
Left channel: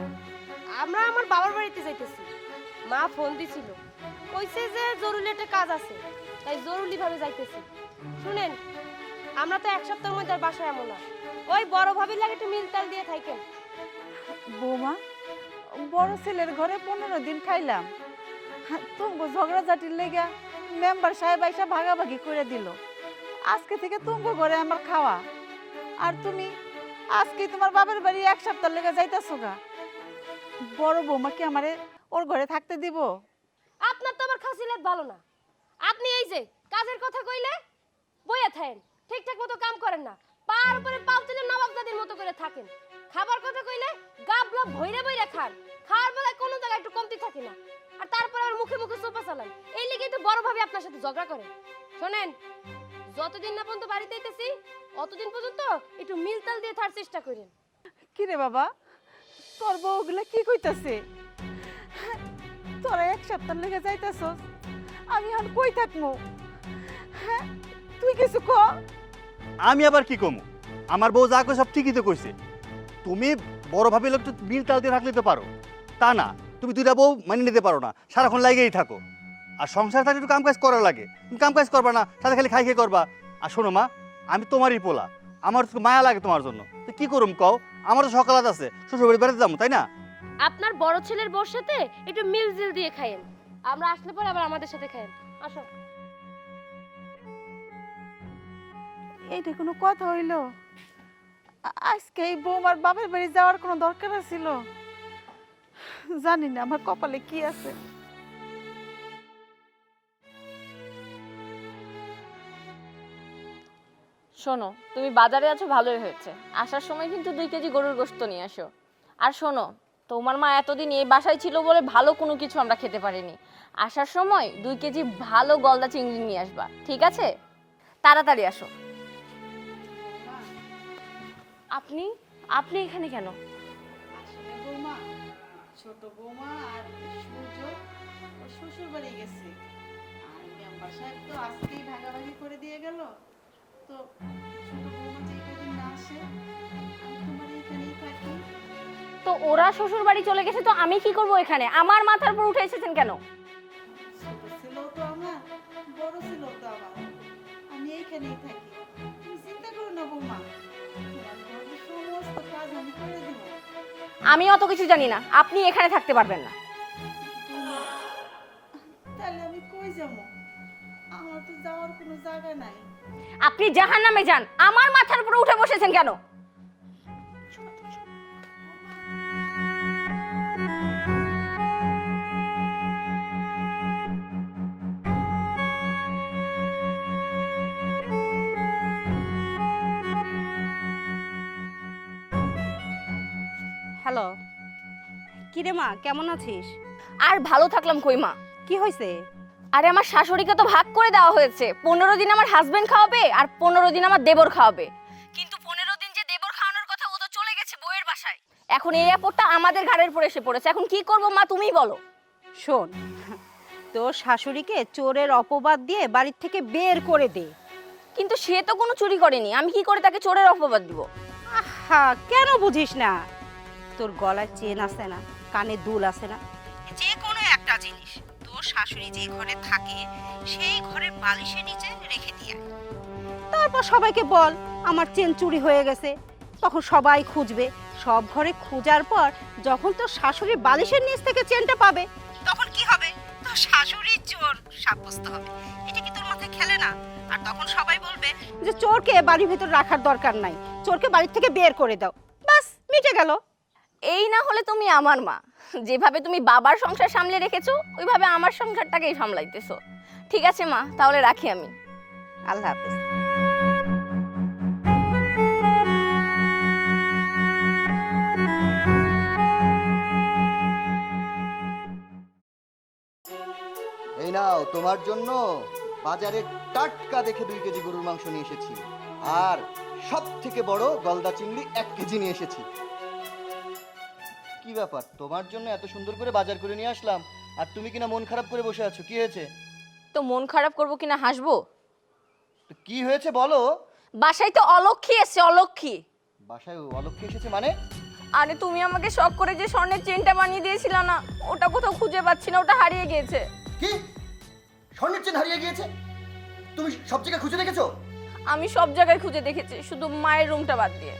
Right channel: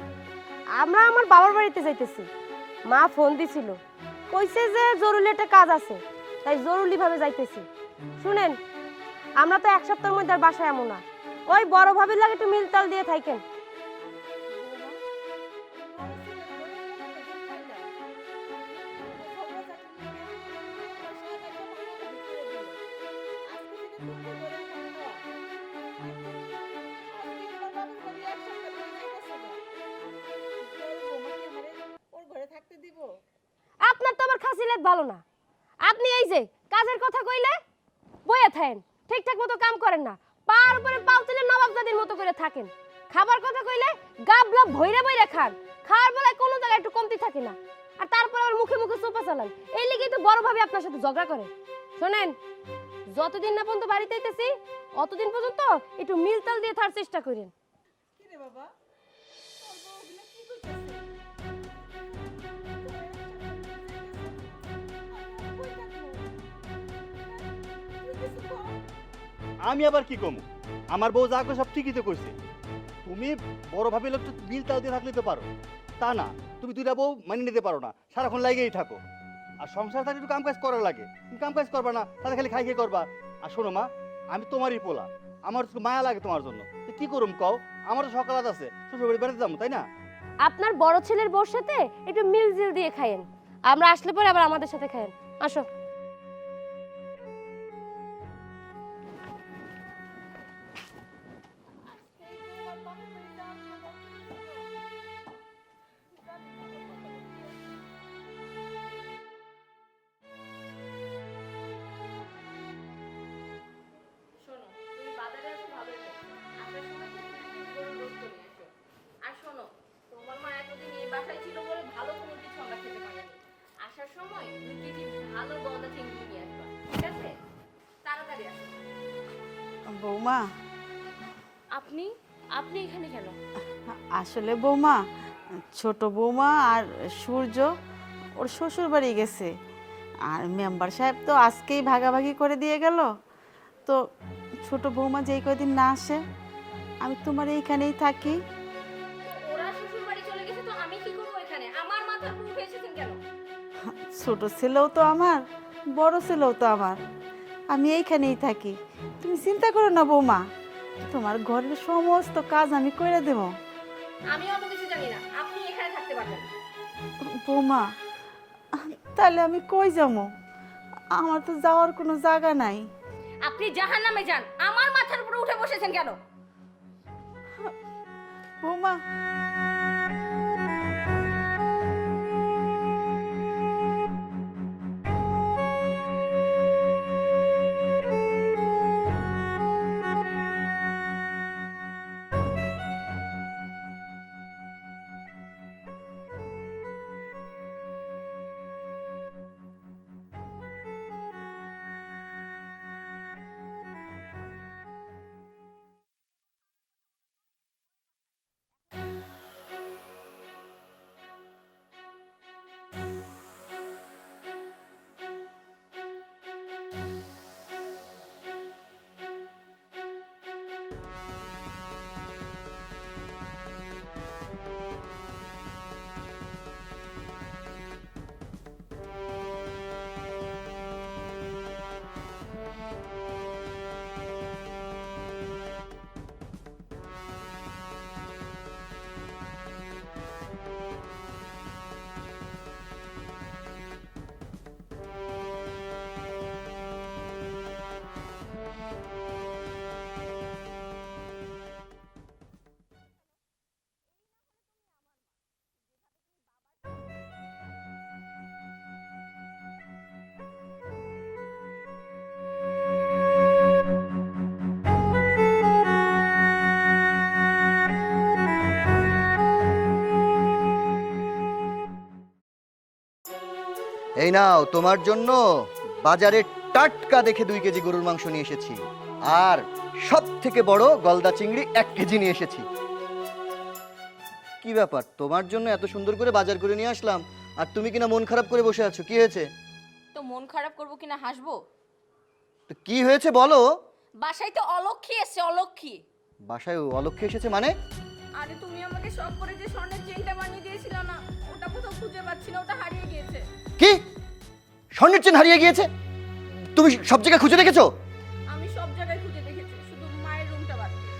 আমরা আমার বাবার বাড়িতে যাইতেছি। মা ফোন দিছিল, কইছে যে জরুরি একটা কাজ আছে, তাই জরুরি ভাবে যাইতেছি। শুনেন, আমরা তো 1 সপ্তাহের মধ্যে আর বাসায় এমন না। ওই বড় ভাবির লাগে একটু মিলতাল দিয়ে থাকেন। বৌমা, বড় ছেলের ঘরে 15 দিন খাইলাম, তুমি ঝগড়াঝাটির লেগা মেম্বার সাহেব আইসা ভাগাভাগি করে দিল। আজকে থেকে তুমি ঘরে আমার খাওয়া, আর তুমি আজকে তোমার বাবার বাড়ি 1 সপ্তাহ লেগে যাইতেছো গা। বড় বৌমা কি আমারে ওর ঘরে থাকতে দিব? আপনার তো আমার খাসিলেত ভালো না। আপনি এই যে কাজের কথা কইলে বইয়া থাকেন, ঠিকঠাক মতো কাম করেন না, পার উপরে পাও তুলে নবাবজাদির মতো করে থাকেন। খাবার কথা কইলে গাবলা ভইরা ভইরা খান, খাওয়ার বেলায় কোনো জায়গায় একটু কমতি থাকে না। আর তারপর আর মুখে মুখে চোপা চালান, এই লিগেই তো বড় ভাবে আপনার সাথে ঝগড়া করে। শোনেন, যতদিন না পর্যন্ত বাড়িতে আইতেছি, অতদিন পর্যন্ত একটু মিলতাল দিয়ে থাকার চেষ্টা করেন। কি রে বাবা, তোর বউগুলা কি কইতাছে? তোরা 1 সপ্তাহ লেগে যাইতেছস, আমি আর কই থাকবো? হ্যাঁ, তুই কিছু ক। আমি আবার কি কমু? আমার বউ যা কই সব ঠিকই তো কইছে। তুমি বড় ভাবে লোক তো মিল তাল দিয়ে থাকলে তো পারো, তা না তুমি 2টা বউ মানিয়ে নিতে পারো না, সারাক্ষণ লাগেই থাকো। আর সংসার থাকলে একটু কাম কাজ করা লাগে, তুমি কাম কাজ করবা না, সাথে খালি খাই খাই করবা। আর শোনো মা, আমি তোমারই পোলা, আমার তো মায়া লাগে তোমার জন্য। তো কি করুম কও? আমার তো সকালাত আছে, শ্বশুর বাড়ি বেড়াতে যাবো, তাই না? আপনার বড় ছেলের বউর সাথে একটু মিলজিল দিয়ে খায়েন, আমরা আসলে পরে আবার আমাদের সাথে খায়েন। আসো। এইটা কোনো কথা হইল? আজকে এই বৌমার বাপের বাড়ি যাওয়ার কোনো দরকার ছিল? জানি না আমার কপালে কি আছে। শোনো, তুমি বাজারে আছো ভালোই হয়েছে। আসার সময় কিন্তু 2 কেজি গরুর গোশত নিয়ে আসো। আর শোনো, তোমার মা এতদিন এই বাসায় ছিল বলে ভালো কোনো কিছু আমরা খেতে পারিনি। আসার সময় 2 কেজি ভালো গলদা চিংড়ি নিয়ে আসবা, ঠিক আছে? তাড়াতাড়ি আসো। বৌমা, আপনি আপনি এখানে কেন? আসলে বৌমা, ছোট বৌমা আর সূর্য ওর শ্বশুর বাড়ি গেছে, আর মেম্বার সাহেব তো আজকেই ভাগাভাগি করে দিয়ে গেল। তো ছোট বৌমা যেই কয়দিন না আসে, আমি তোমার এইখানেই থাকি। তো ওরা শ্বশুর বাড়ি চলে গেছে, তো আমি কি করব এখানে? আমার মাথার উপর উঠে এসেছেন কেন? ছোট ছেলেও তো আমার, বড় ছেলেও তো আমার, আমি এইখানেই থাকি। তুমি চিন্তা করো না বৌমা, তোমার ঘরের সমস্ত কাজ আমি করে দেব। আমি অত কিছু জানি না, আপনি এখানে থাকতে পারবেন না। বৌমা, তাহলে আমি কই যাবো? আমার তো যাওয়ার কোনো জায়গা নাই। আপনি জাহান্নামে যান, আমার মাথার উপর উঠে বসেছেন কেন? বৌমা, হ্যালো, কি রে মা, কেমন আছিস? আর ভালো থাকলাম কই মা? কি হয়েছে? আরে আমার শাশুড়িকে তো ভাগ করে দেওয়া হয়েছে। 15 দিন আমার হাজবেন্ড খাওয়াবে আর 15 দিন আমার দেবর খাওয়াবে। কিন্তু 15 দিন যে দেবর এখন এই আপদটা আমাদের ঘাড়ের উপর এসে পড়েছে, এখন কি করব মা তুমিই বলো। শোন, তোর শাশুড়িকে চোরের অপবাদ দিয়ে বাড়ির থেকে বের করে দে। কিন্তু সে তো কোনো চুরি করেনি, আমি কি করে তাকে চোরের অপবাদ দিব? আহা, কেন বুঝিস না? তোর গলায় চেন আছে না, কানে দুল আছে না, যে কোনো একটা জিনিস তোর শাশুড়ি যে ঘরে থাকে সেই ঘরের বালিশের নিচে রেখে দিয়ে আয়। তারপর সবাইকে বল আমার চেন চুরি হয়ে গেছে, তখন সবাই খুঁজবে। সব ঘরে খোঁজার পর যখন তোর শাশুড়ি বালিশের নিচ থেকে চেনটা পাবে, তখন কি হবে? তোর শাশুড়ি চোর সাব্যস্ত হবে। এটা কি তোর মাথায় খেলে না? আর তখন সবাই বলবে যে চোরকে বাড়ির ভিতর রাখার দরকার নাই, চোরকে বাড়ি থেকে বের করে দাও, বাস মিটে গেল। এই না হলে তুমি আমার মা, যেভাবে তুমি বাবার সংসার সামলে রেখেছো ওইভাবে আমার সংসারটাকেই সামলাইতেছো। ঠিক আছে মা, তাহলে রাখি আমি। আল্লাহ হাফেজ। এই নাও তোমার জন্য বাজারে টাটকা দেখে 2 কেজি গরুর মাংস নিয়ে এসেছি, আর সব থেকে বড় গলদা চিংড়ি 1 কেজি নিয়ে এসেছি। কি ব্যাপার, তোমার জন্য এত সুন্দর করে বাজার করে নিয়ে আসলাম আর তুমি কিনা মন খারাপ করে বসে আছো, কি হয়েছে? তো মন খারাপ করবো কিনা হাসবো? তো কি হয়েছে বলো? বাসায় তো অলক্ষী এসছে, অলক্ষী। বাসায় অলক্ষ্যে এসেছে মানে? আরে তুমি আমাকে শখ করে যে স্বর্ণের চেনটা বানিয়ে দিয়েছিল না, ওটা কোথাও খুঁজে পাচ্ছি না, ওটা হারিয়ে গিয়েছে। কি? স্বর্ণের চেন হারিয়ে গিয়েছে? তুমি সব জায়গায় খুঁজে দেখেছো? আমি সব জায়গায় খুঁজে দেখেছি, শুধু মায়ের রুমটা বাদ দিয়ে।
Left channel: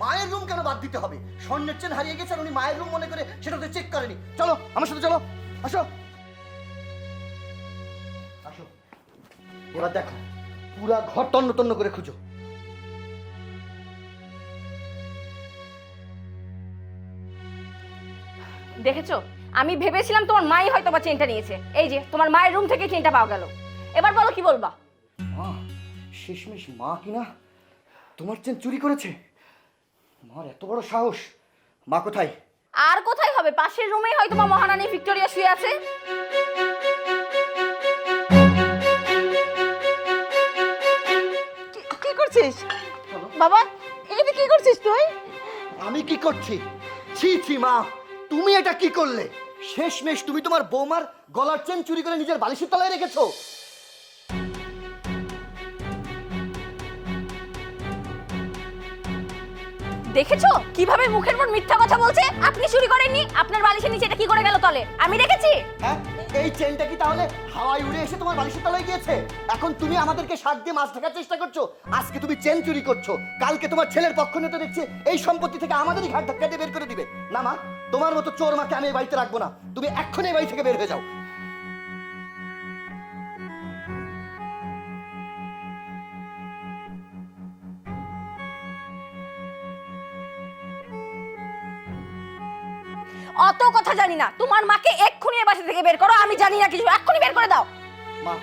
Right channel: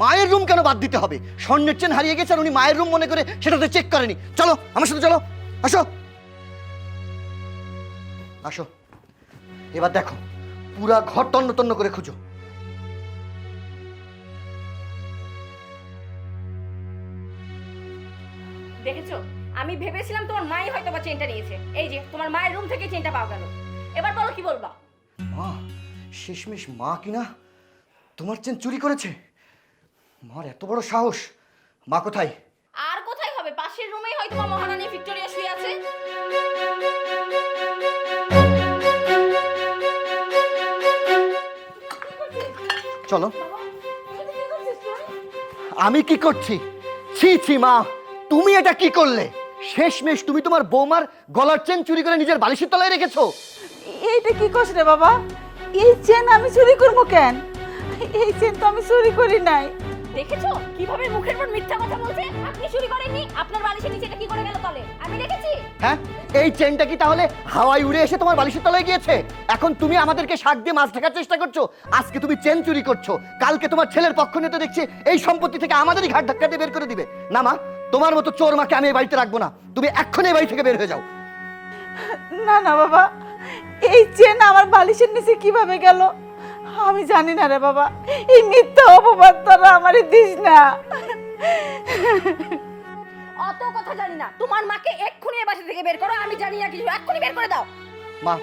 মায়ের রুম কেন বাদ দিতে হবে? স্বর্ণের চেন হারিয়ে গেছে আর উনি মায়ের রুম মনে করে সেটাতে চেক করেনি। চলো আমার সাথে, চলো, আসো আসো। এবার দেখো, পুরা ঘর তন্ন তন্ন করে খুঁজো। দেখেছো, আমি ভেবেছিলাম তোমার মাই হয়তো বা চেনটা নিয়েছে। এই যে তোমার মায়ের রুম থেকে চেনটা পাওয়া গেল। এবার বলো কি বলবা? শেষমেশ মা কিনা তোমার চেন চুরি করেছে? মার এত বড় সাহস! মা কোথায়? আর কোথায় হবে, পাশের রুমেই হয়তো বা মহারানী ভিক্টোরিয়া শুয়ে আছে। কি করছিস চলো। বাবা? এইটা কি করছিস তুই? আমি কি করছি? ছি ছি মা, তুমি এটা কি করলে? শেষমেশ তুমি তোমার বৌমার গলার চেন চুরি করে নিজের বালিশের তলায় রেখেছো। এইটা কি করছিস রে বাবা? এই চেন আমি চুরি করবো কেন? এই চেন তো আমি চুরি করি নাই। দেখেছো কিভাবে মুখের উপর মিথ্যা কথা বলছে? আপনি চুরি করেননি, আপনার বালিশের নিচে এটা কি করে গেল তলে? আমি দেখেছি। হ্যাঁ, এই চেনটা কি তাহলে হাওয়ায় উড়ে এসে তোমার বালিশের তলায় গিয়েছে? এখন তুমি আমাদেরকে শাক দিয়ে মাছ ঢাকার চেষ্টা করছো। আজকে তুমি চেন চুরি করছো, কালকে তোমার ছেলের পক্ষ নিয়ে তো দেখছি এই সম্পত্তি থেকে আমাদেরই ঘাট ধাক্কা দিয়ে বের করে দিবে। না মা, তোমার মতো চোর মাকে আমি এই বাড়িতে রাখবো না। তুমি এক্ষুনি এই বাড়ি থেকে বের হয়ে যাও। না না বাবা, এই চেন আমার বালিশের নিচে কিভাবে গেল আমি জানি না রে বাবা। এই মিথ্যা অপবাদ তোরা আমারে দিস না। অত কথা জানি না, তোমার মাকে এক্ষুনি এই বাসা থেকে বের করো। আমি জানি না কিছু, এক্ষুনি বের করে দাও। মা,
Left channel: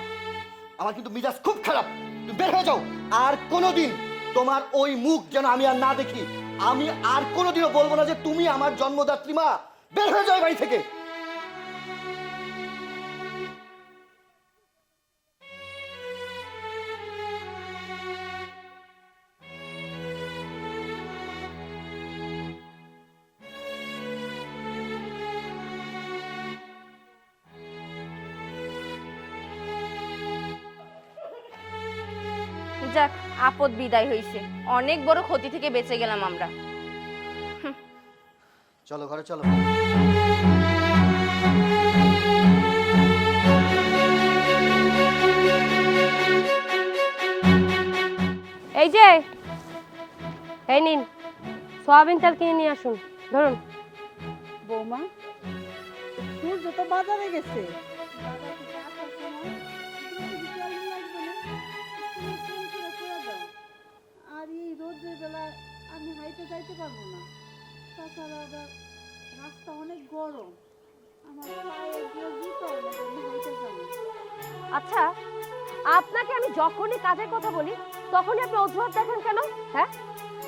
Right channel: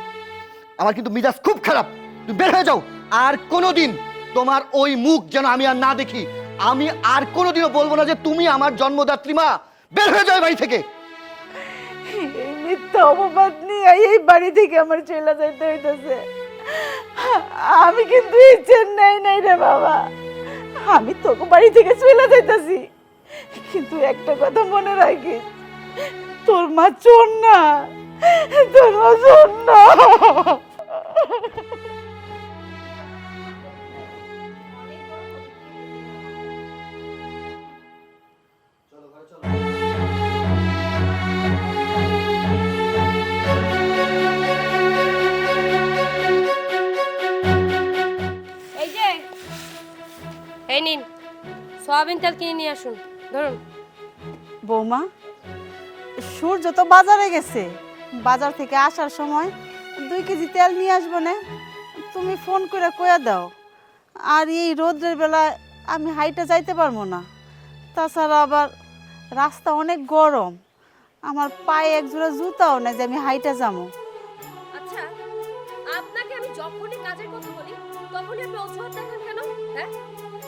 আমার কিন্তু মিজাজ খুব খারাপ, তুমি বের হয়ে যাও। আর কোনোদিন তোমার ওই মুখ যেন আমি আর না দেখি। আমি আর কোনোদিনও বলবো না যে তুমি আমার জন্মদাত্রী। মা, বের হয়ে যাও এই বাড়ি থেকে। এই মিথ্যা অপবাদ নিয়ে এই বাড়ি থেকে আমার চলে যাইতে হইতেছে। আমি কিন্তু এই চেন নাই রে বাবা, আমি তোকে বাড়ি থেকে চলে যাইতেছি। কিন্তু একটা কথা মনে রাখিস, তোর মা চোর না, তোর মা চোর না। যাক, আপদ বিদায় হইছে, অনেক বড় ক্ষতি থেকে বেঁচে গেলাম আমরা। চলো ঘরে চলো। এই যে, এই নিন সয়াবিন তেল কিনে নিয়ে আসুন। ধরুন। বৌমা, সূর্য তো বাজারে গেছে, বাজার থেকে আসার সময় 2 কেজি তেল নিয়ে আসবো না? তুমি ফোন করে কয়ে দাও। আর এই রোদ্রের বেলায় আমি হাইটে যাইতে পারবো না। তাছাড়া আবার রাস্তা অনেক গরম, আমার পায়ে এক জোড়া জুতাও না যে আমি হাইটে যাবো। আচ্ছা, আপনাকে আমি যখনই কাজের কথা বলি তখনই আপনি অজুহাত দেখেন কেন? হ্যাঁ,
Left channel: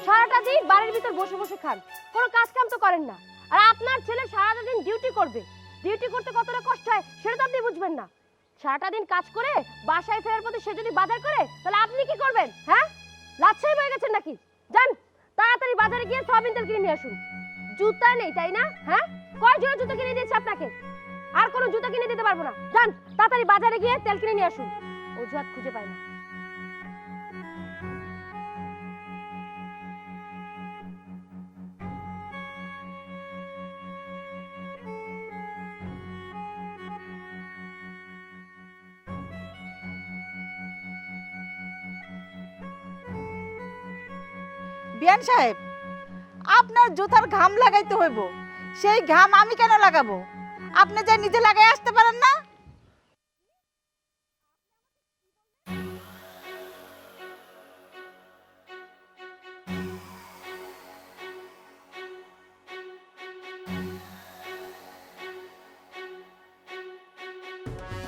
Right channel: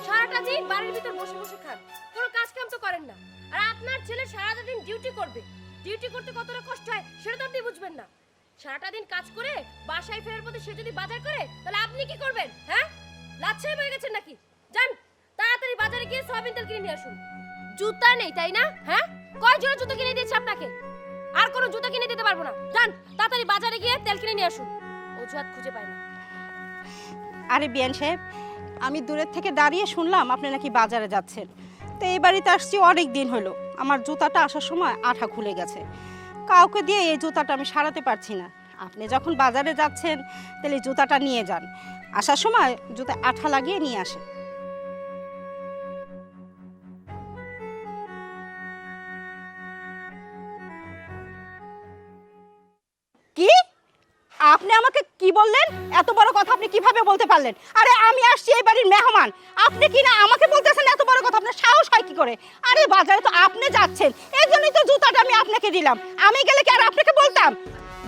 সারাটা দিন বাড়ির ভিতর বসে বসে খান, কোনো কাজ কাম তো করেন না। আর আপনার ছেলে সারাটা দিন ডিউটি করবে, ডিউটি করতে কতটা কষ্ট হয় সেটা তো আপনি বুঝবেন না। সারাটা দিন কাজ করে বাসায় ফেরার পথে সে যদি বাজার করে তাহলে আপনি কি করবেন? হ্যাঁ, লাচ্ছাই হয়ে গেছেন নাকি? যান তাড়াতাড়ি বাজারে গিয়ে সোয়াবিন তেল কিনে নিয়ে আসুন। জুতা নেই তাই না? হ্যাঁ, কয় জোড়া জুতা কিনে দিয়েছি আপনাকে? আর কোনো জুতা কিনে দিতে পারবো না। যান তাড়াতাড়ি বাজারে গিয়ে তেল কিনে নিয়ে আসুন। অজুহাত খুঁজে পাই না। আরে বিয়ান সাহেব, আমি দূরের থেকে দাঁড়িয়ে শুনলাম আপনি নাকি বাজারে যাচ্ছেন। তো এই বাড়িতে আসছি অনেক দিন হলো, আমার জুতাটা আসার সময় আঠা খুলে গেছে। কাউকে দিয়ে এই জুতাটা আমি সারাতে পারছি না। আপনি যখন বাজারে যাচ্ছেন তাহলে এই জুতাটা নিয়ে যান, আসার সময় জুতা আঠা লাগিয়ে নিয়ে আসেন। বিয়ান সাহেব, আপনার জুতার ঘাম লাগাইতে হইব, সেই ঘাম আমি কেন লাগাবো? আপনি যে নিজে লাগাই আসতে পারেন না? কি আপনি আমাকে কি বললেন? এত বড় কথা আপনি কিভাবে বলতে পারলেন? আরে আমি আসছি এই বাড়ির মেহমান, আপনি কি না আমাকে বলতেছেন এত বড় কথা? আপনার সাহস হয় কি করে? আরে বাজারে তো আপনি যাচ্ছেন, এই জন্যই তো জুতাটা আমি আপনাকে দিলাম। আমি গেলে কি আর আপনাকে বলতাম?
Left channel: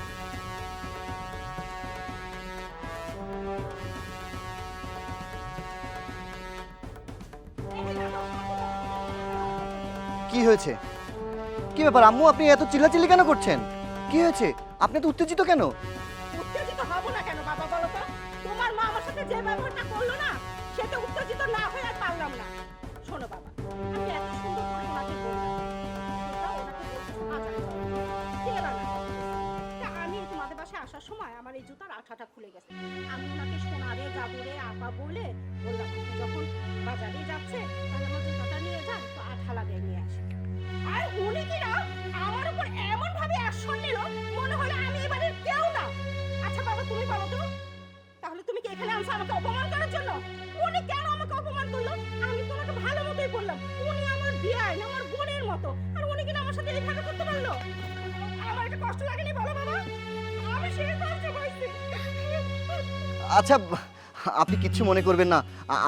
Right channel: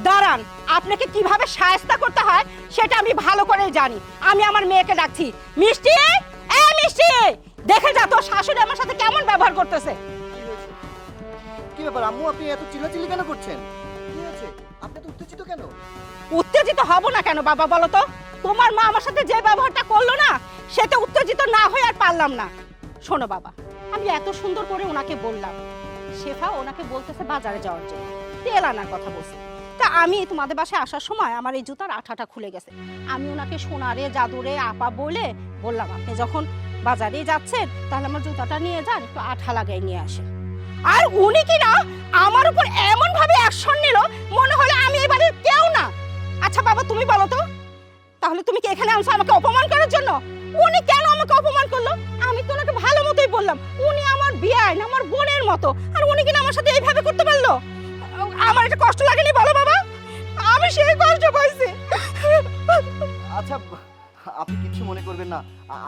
দাঁড়ান, আপনাকে কিভাবে শায়েস্তা করতে হয় সেটা আমি ভালো করেই জানি। আমি আমার মেয়েকে ডাকছি। মিষ্টি, এ মিষ্টি, দেখে যা তোর শাশুড়ি আমার সাথে কেমন ব্যবহার করতেছে। কি হয়েছে? কি ব্যাপার আম্মু, আপনি এত চিল্লাচিল্লি কেন করছেন? কি হয়েছে? আপনি তো উত্তেজিত কেন? উত্তেজিত হব না কেন বাবা, বলো তো? তোমার মা আমার সাথে যে ব্যবহারটা করলো না, সেটা উত্তেজিত না হয়ে আর পারলাম না। শোনো বাবা, আমি এত সুন্দর করে ওনাকে বললাম, শেফা ওনাকে বলতেছে বাজারে যাওয়ার জন্য, তেল আনার কথা বলছে। তা আমি তোমাদের বাসায় আসার সময় আমার এই জুতার আঠাটা খুলে গেছে। আমি ওনাকে সোনারে জাদুরে আপা বলে বললাম, আপনি যখন বাজারে যাচ্ছেন তাহলে আমার জুতাটা নিয়ে যান, একটু আঠা লাগাই নিয়ে আসেন। আর উনি কি না আমার উপর এমন ভাবে অ্যাকশন নিল, মনে হলো আমি এই বাড়ির কেউ না। আচ্ছা বাবা, তুমি বলো তো, তাহলে তুমি কি এখানে আনছো আমাকে অপমান করার জন্য? উনি কেন আমাকে অপমান করলো? আমি তো ওনাকে ভালো মতোই বললাম, উনি আমার বিয়ান, আমার বোনের মতো, আর উনি কিনা আমার সাথে এইভাবে করতে পারলো? আমার এটা কষ্ট লাগেনি বলো বাবা? আমি সেই কষ্ট পাইছি। আচ্ছা, আপনি কিচ্ছু মনে করবেন না,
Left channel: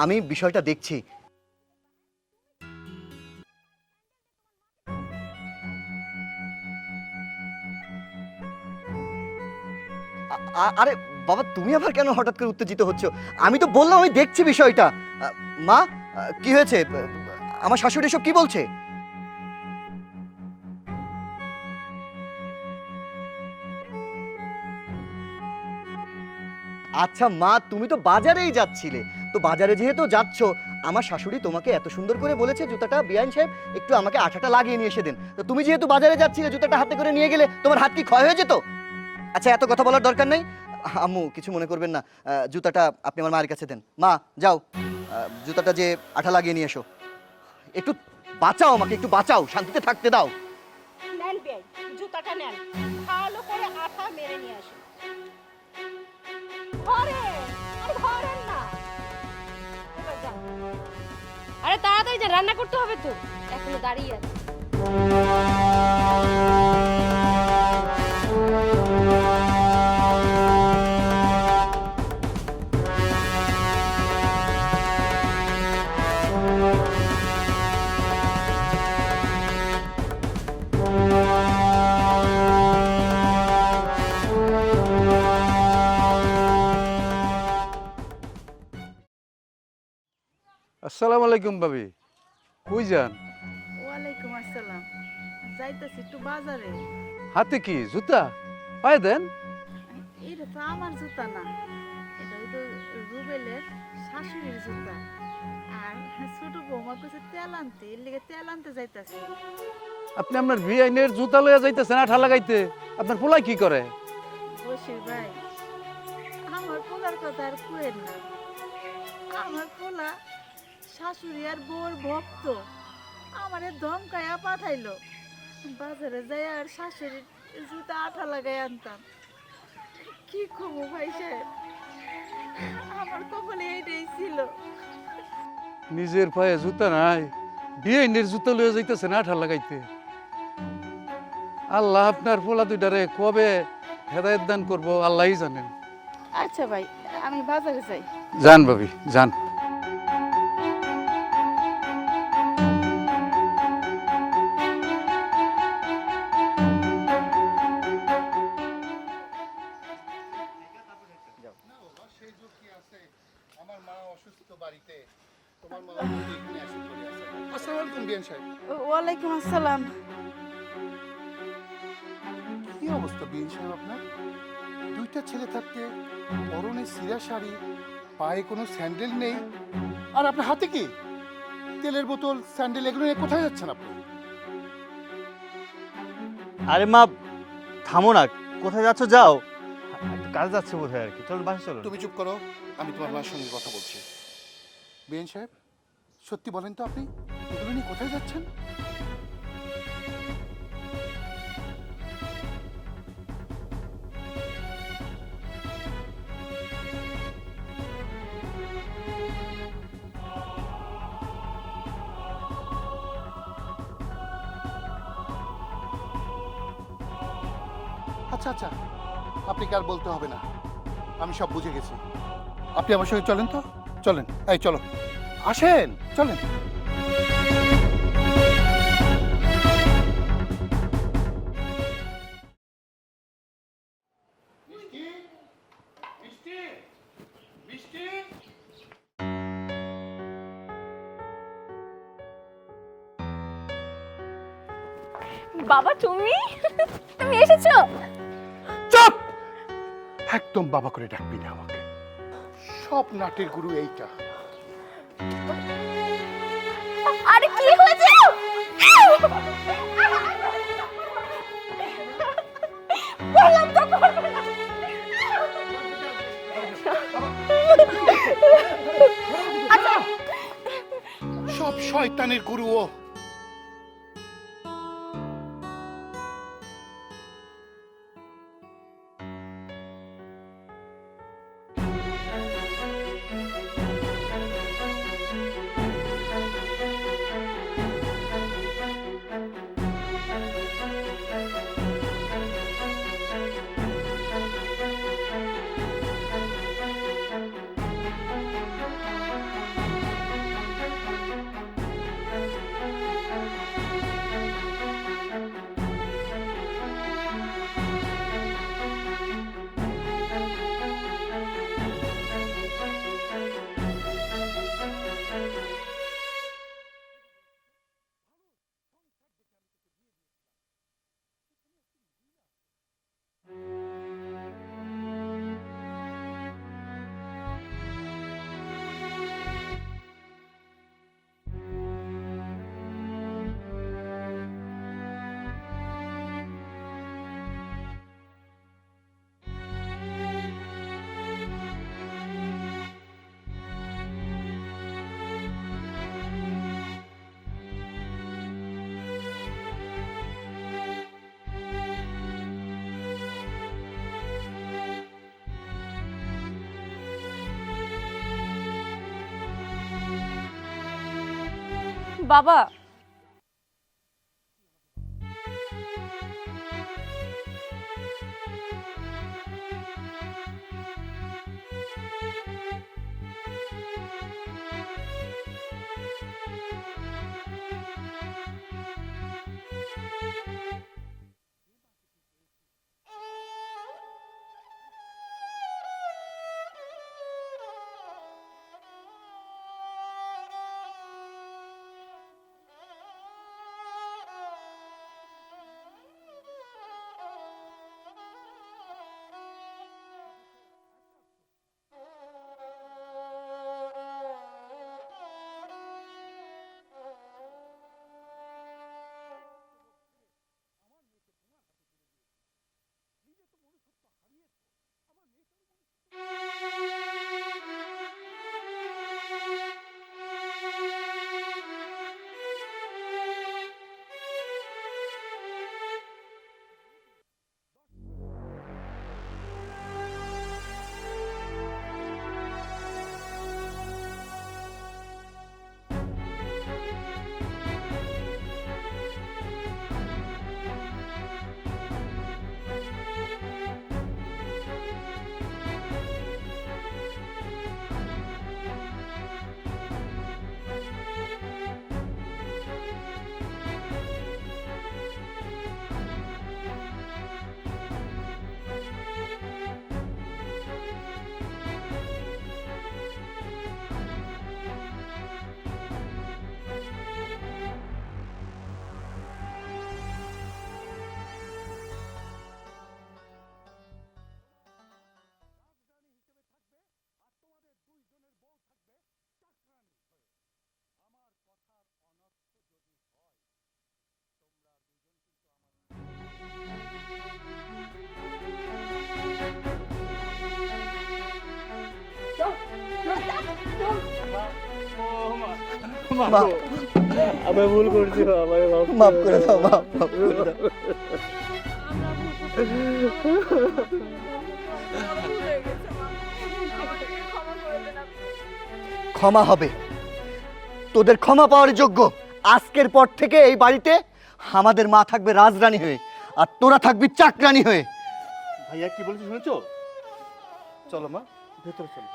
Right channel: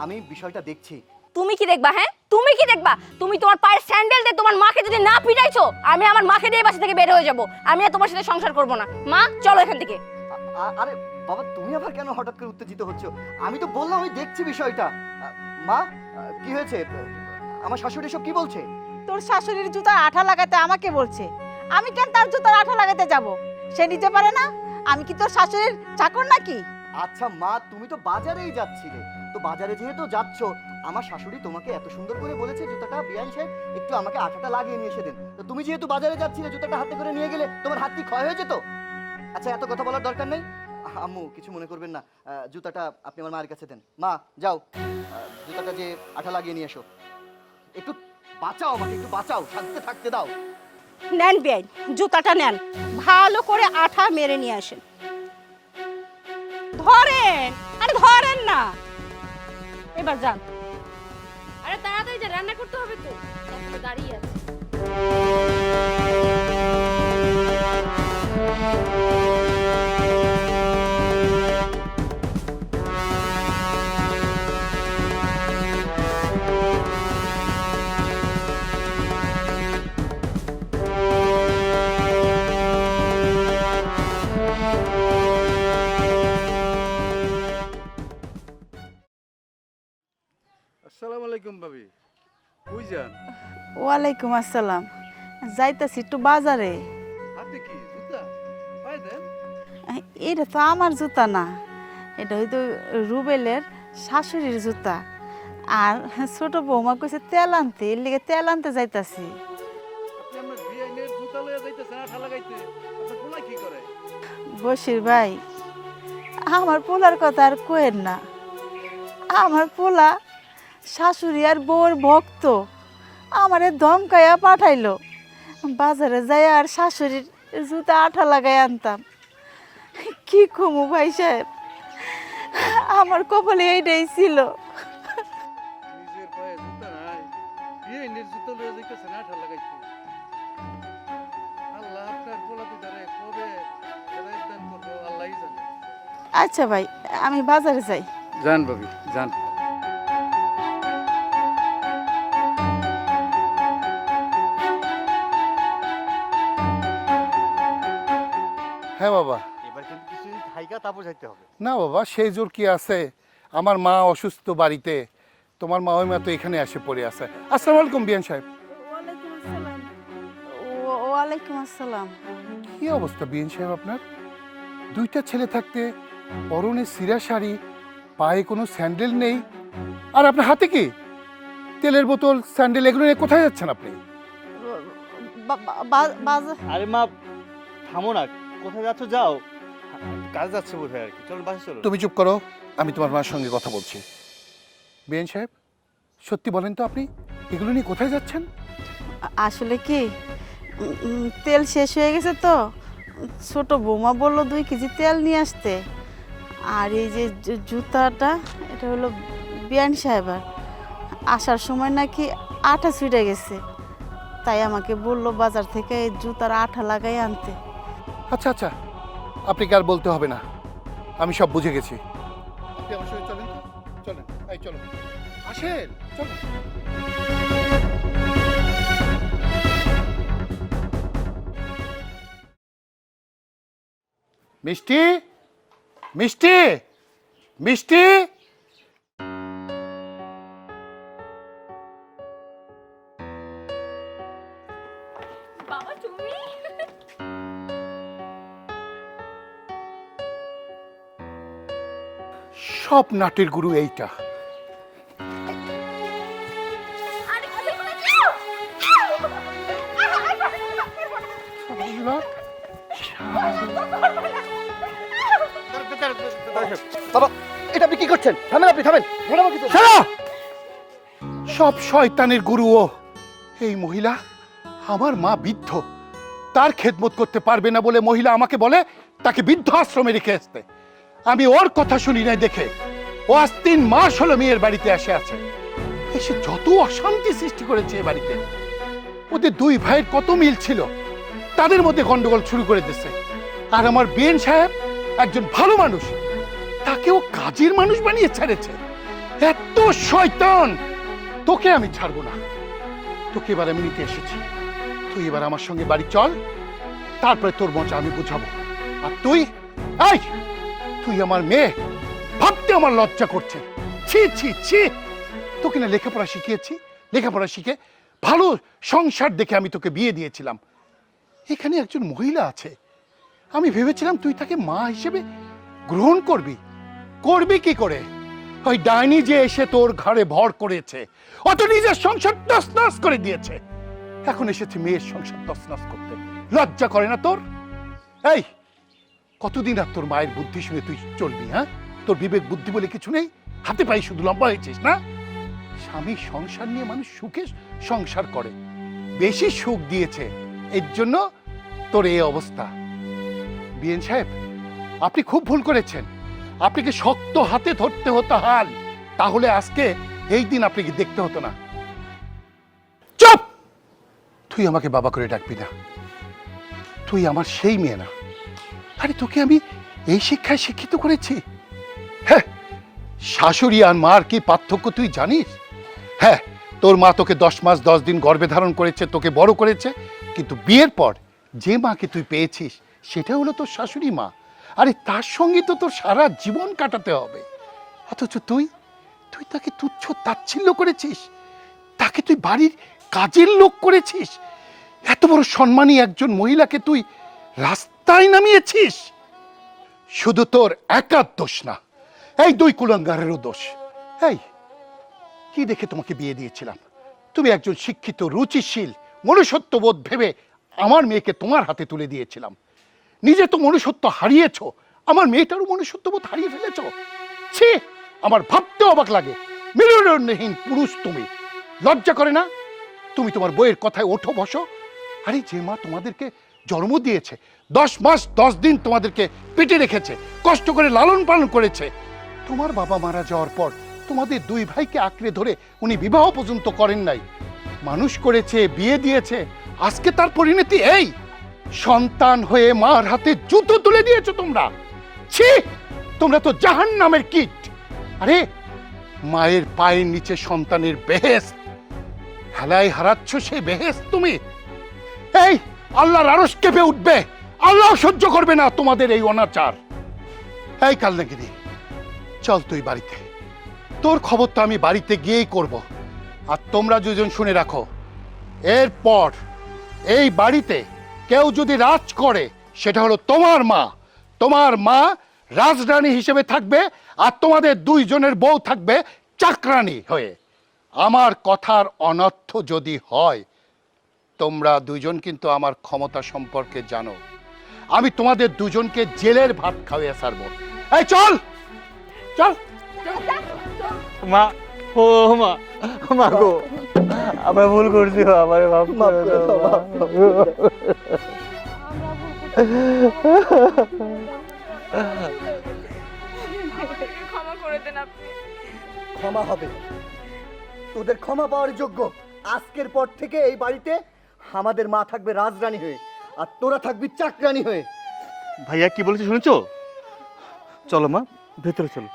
আমি বিষয়টা দেখছি। তুমি কি দেখবা? হ্যাঁ, তুমি কি দেখবা? তুমি তোমার পায়ের স্যান্ডেল দিয়ে তোমার মাকে যদি না পিটাইছো, আমি আমার মাকে দিয়ে বাসা থেকে বের হয়ে যাব। আমি আর তোমার সাথে সংসার করব না। মা চলো এখান থেকে। আরে বাবা, তুমি আবার কেন হঠাৎ করে উত্তেজিত হচ্ছ? আমি তো বললাম আমি দেখছি বিষয়টা। মা, কি হয়েছে? আমার শাশুড়ি সব কি বলছে? তোর শাশুড়ির জুতার আঠা লাগাতে আমাকে বলছে। আমি কেন তার জুতার আঠা লাগাতে যাব? সে নিতে পারে না? আমি কি তোর শাশুড়ির চাকর নাকি? আচ্ছা মা, তুমি তো বাজারেই যাচ্ছিলে, তো বাজারে যেহেতু যাচ্ছ, আমার শাশুড়ি তোমাকে এত সুন্দর করে বলেছে জুতাটা বিয়ান সাহেব একটু আমাকে আঠাটা লাগিয়ে নিয়ে এসে দেন। তো তুমি যেহেতু বাজারে যাচ্ছিলে, জুতাটা হাতে করে নিয়ে গেলে তোমার হাত কি ক্ষয় হয়ে যেত? আচ্ছা, এত কথা বলার দরকার নেই। আম্মু কিছু মনে করবেন না, জুতাটা আপনি আমার মায়ের কাছে দেন। মা যাও, জুতাটা যে আঠা লাগিয়ে নিয়ে এসো। একটু বাঁচাও আমাকে, একটু বাঁচাও, শান্তিতে থাকতে দাও। নেন বিয়ান, জুতাটা নেন, ভালো করে আঠা মেরে নিয়ে আসেন। ধরেন, আরে ধরেন না, এবার যান। আরে তাড়াতাড়ি যে রান্না করতে হবে তো, এখন দাঁড়িয়ে আছে। আসসালামু আলাইকুম ভাবি, কই যান? ওয়ালাইকুম আসসালাম। যাইতাছি একটু বাজারে। হাতে কি জুতা? পায়ে দেন। এটা তো আমার জুতা না, এটা হয়তো রুবেলের শাশুড়ির জুতা। আর ছোট বৌমা কইছে তেল আনতে, এর লিগে তেল আনতে যাইতাছি। আপনি আপনার ভিআইনের জুতা লইয়া যাইতেছেন আঠা লাগাইতে, আপনার পোলাই কি করে? বশির ভাই, আমার পোলার কথা আর কোয়েন না। আমার পোলা শাশুড়ি আর বউর ভক্ত, আমারে ধমকাইয়া পাঠাইলো বাজারে যাই আর শাশুড়ির জুতা আঠা লাগাই আনতাম। কি কমু ভাই সাহেব, আমার কপালে এইটাই ছিল। নিজের পায়ে জুতা নাই, ভিআইনের জুতা লইয়া যাইতেছেন আঠা লাগাইতে। আল্লাহ আপনার পোলা দুইটারে কবে হেদায়েত দান করবো আল্লাহই জানেন। আচ্ছা ভাই, আমি বাজারে যাই। যান ভাবি, যান। হ্যাঁ বাবা। এবার কিন্তু কিছুদিন থাইকা তারপর যাইতে হবে। না বাবা, সেই জোর কি আছে? আমার মা অসুস্থ বাড়িতে, তোমার মা ওই মা তো এখানে এসে পড়ে আছে। আসসালামু আলাইকুম বিয়ান সাহেব। ওয়ালাইকুম আসসালাম। ওয়ালাইকুম আসসালাম। কি অবস্থা বিয়ান সাহেব আপনার? দুইটা ছেলে থাকতে পরনে সিরা শাড়ি, পায়ে কোনো স্যান্ডেল নেই, আর আপনার হাতে কি? তেলের বোতল, স্যান্ডেল এগুলো নিয়ে কোথায় যাচ্ছেন আপনি? বাজার আরে মা থামো না, কোথায় যাচ্ছ যাও। কাজ যাচ্ছে বোধ হয় আর কি, চলো বাসে চলো। তুমি চুপ করো, আমি তোমার মার সঙ্গে কথা বলছি। বিএন সাহেব, সত্যি বলেন তো আপনি এগুলো নিয়ে কোথায় যাচ্ছেন? আসলে কি তেল শেষ হয়ে গেছে তো ছোট বৌমা বললো 2 কেজি তেল নিয়ে আসতে। আর এই যে জুতাটা এটা হলো বিয়ান সাহেবের, আসার সময় নাকি আঠা ছুটে গেছে, তাই আমাকে বললো বাজার থেকে এই জুতার আঠা লাগাই আনতে। আচ্ছা আচ্ছা, আপনি কি আর বলতে হবে না, আমি সব বুঝে গেছি। আপনি আমার সঙ্গে চলেন তো, চলেন, এই চলো, আসেন, চলেন। মিষ্টি, মিষ্টি, মিষ্টি। বাবা তুমি তুমি এসেছো? চুপ! একদম বাবা করে ডাকবি না আমাকে। সব নাটের গুরু এইটা। আরে কি হয়েছে? বাবা, এটা আপনি কি করছেন? থামেন আপনি, থামেন। শালা! সব শয়তানের গুরু ও। এই মহিলা, আমার মা বৃদ্ধ, তার খেদমত করতে পারবে না বলে মহিলা আমাকে বলে তাকে বৃদ্ধ আশ্রমে রেখে আসতে। আমি ওর কথা শুনি নাই দেখে ও আজ 3 মাস হলো মেয়ের বাড়িতে এসে আছে। এসে যত অশান্তি সৃষ্টি করেছে এ বাড়িতে। ওদের 2 ভাইয়ের কত মিল ছিল, তাদের মধ্যে গন্ডগোল শুরু করে দিয়েছে। আর আমার বিএন সাহেব একজন ভালো মানুষ, তাকেও কাজের মানুষ বানিয়ে ছেড়েছে। এত শয়তান! তোকে আমি ছাড়বো না। তোকে এবার আমি নিতে এসেছি। তুই এবার আমার সঙ্গে বাড়ি চল, তারপরে তোর মজা আমি বুঝাবো। আর তুই, এই তুই আমার মেয়ে, ভাবতে আমার লজ্জা করছে। ছি ছি ছি! তোকে না লেখাপড়া শিখিয়েছি, লেখাপড়া শিখে ভালো সংসার দেখে আমি তোকে বিয়ে দিয়েছিলাম। এখানে একজন মহিলা আছে, আমি ভেবেছিলাম তুই তাকে মা হিসেবে গ্রহণ করবি। করবি কি করে? ওই ডাইনি যে এসে তোর ঘরে ভর করেছে, অত নিজের সংসার তছনছ করে দিয়েছে। এখন এসেছে মেয়ের সংসার তছনছ করতে। লজ্জা করে না তোর? এই কতদিন আর তোর মায়ের বুদ্ধি শুনে তুই চলবি? হ্যাঁ, তোর বিবেক বুদ্ধি বলে কিছু নেই? হাতে পায়ে শুধু লম্বা হয়েছিস না? স্বামী সংসার নিয়ে মানুষ সুখে সংসার করে, বেশি সুখ দিয়েছে, এর জন্য তোর এই অবস্থা। বিএন সাহেব, আপনি খুব ভুল করেছেন। আপনাকে শক্ত হাতে ধরতে হতো হাল, তাহলে আজকে এই দিন আপনাকে দেখতে হতো না। বাবা চুপ! তুই আমাকে বাবা করে ডাকবি না। তুই আমার সেই মেয়ে না। আরে তোকে আমি এই শিক্ষায় শিক্ষিত করেছি। হ্যাঁ, শাশুড়ি আর মার কি পার্থক্য তুই জানিস? হ্যাঁ, তোর মা তোকে 10 মাস 10 দিন গর্ভে ধারণ করেছে, তোকে বড় করেছে, কিন্তু বিয়ের পর যে মাকে তুই পেয়েছিস সেটা হলো তোর শাশুড়ি মা। আরে তার সঙ্গে তো তোর সারা জীবন কাটাতে হবে। অথচ তুই তুই তাকে তুচ্ছ তাচ্ছিল্য করেছিস, তাকে তুই বাড়ির কাজের লোক করেছিস। এত বড় সম্মানী একজন মহিলাকে তুই রাস্তায় নামিয়েছিস। শুধু তোর একার দোষ না, এই 2 কুলাঙ্গারেরও দোষ। এই কি দেখে তোমাকে বিয়ে দিয়েছিলাম? তুমি একজন শিক্ষিত, রুচিশীল, মনুষ্যত্ববোধ ভেবে আমার মেয়েকে তোমার হাতে তুলে দিয়েছিলাম। নিজে তো মনুষ্যত্ব হারিয়েছো, আমার মেয়েটারও মনুষ্যত্ববোধ হারিয়ে ফেলেছো। ছি, আমার ভাবতে অবাক লাগে। মেরুদণ্ডহীন পুরুষ তুমি, লজ্জা করে না? তুমি তোমার বইয়ের কথায় ওঠো বসো। আরে যে মা তোমাদেরকে জন্ম দিয়েছে, 10 মাস 10 দিন তোমাদেরকে পেটে রেখেছে, কষ্ট করে লালন পালন করেছে, তোমার বাবা মারা যাওয়ার পর তোমাদের 2 ভাইকে আঁকড়ে ধরে উনি বিবাহ পর্যন্ত করেন নাই, মানুষ করেছে, বিয়ে দিয়েছে। আজকে তার পরিণতি এই, সন্তান হয়ে মার হাতে জুতো তুলে দিয়েছো তোমরা। ছি, তোমরা তো জাহান্নামের কীট। আরে মায়ের পায়ের নিচে সন্তানের বেহেশত, হেলায় হারাচ্ছ সেই বেহেশত তুমি। এই আল্লাহর আরশ কেঁপে উঠবে, আল্লাহ সহ্য করবে না তোমাদের এই অনাচার। এই কালনাগিরি, চল তুই বাড়িতে, তোর খবর তো আমি বাড়িতে গিয়েই করব। আর তোমরা দুজন শুনে রাখো, এরপর এই বাড়িতে কেউ যদি রাজ করে সেটা হলো তোমার মা। তোমার মা রাজরানী হিসেবে থাকবে, আর তোমাদের 2 জনের বউ থাকবে চাকরানী হয়ে। আমার কথার অনর্থ যদি হয়, তোমরা দুজন কিন্তু আমার ক্ষমতা সম্পর্কে জানো। আমি তোমাদের দুজনকে জেলের ভাত খাওয়িয়ে ছাড়বো। এই চল চল মা, ও মা, মা গো, আমরা ভুল করছি, আমার মাফ করে দাও, মাফ করে দাও। ক্ষমা করে দেন আপনি। ক্ষমা হবে, তোদের ক্ষমা পাওয়ার যোগ্য। আজকের পর থেকে এই বাড়িতে আমাদের মা থাকবে রাজরানী হয়ে, আর তোরা থাকবি চাকরানী হয়ে। ভাইয়া কি বলেছে শুনেছো? চলো মা, ভেতরে চলো।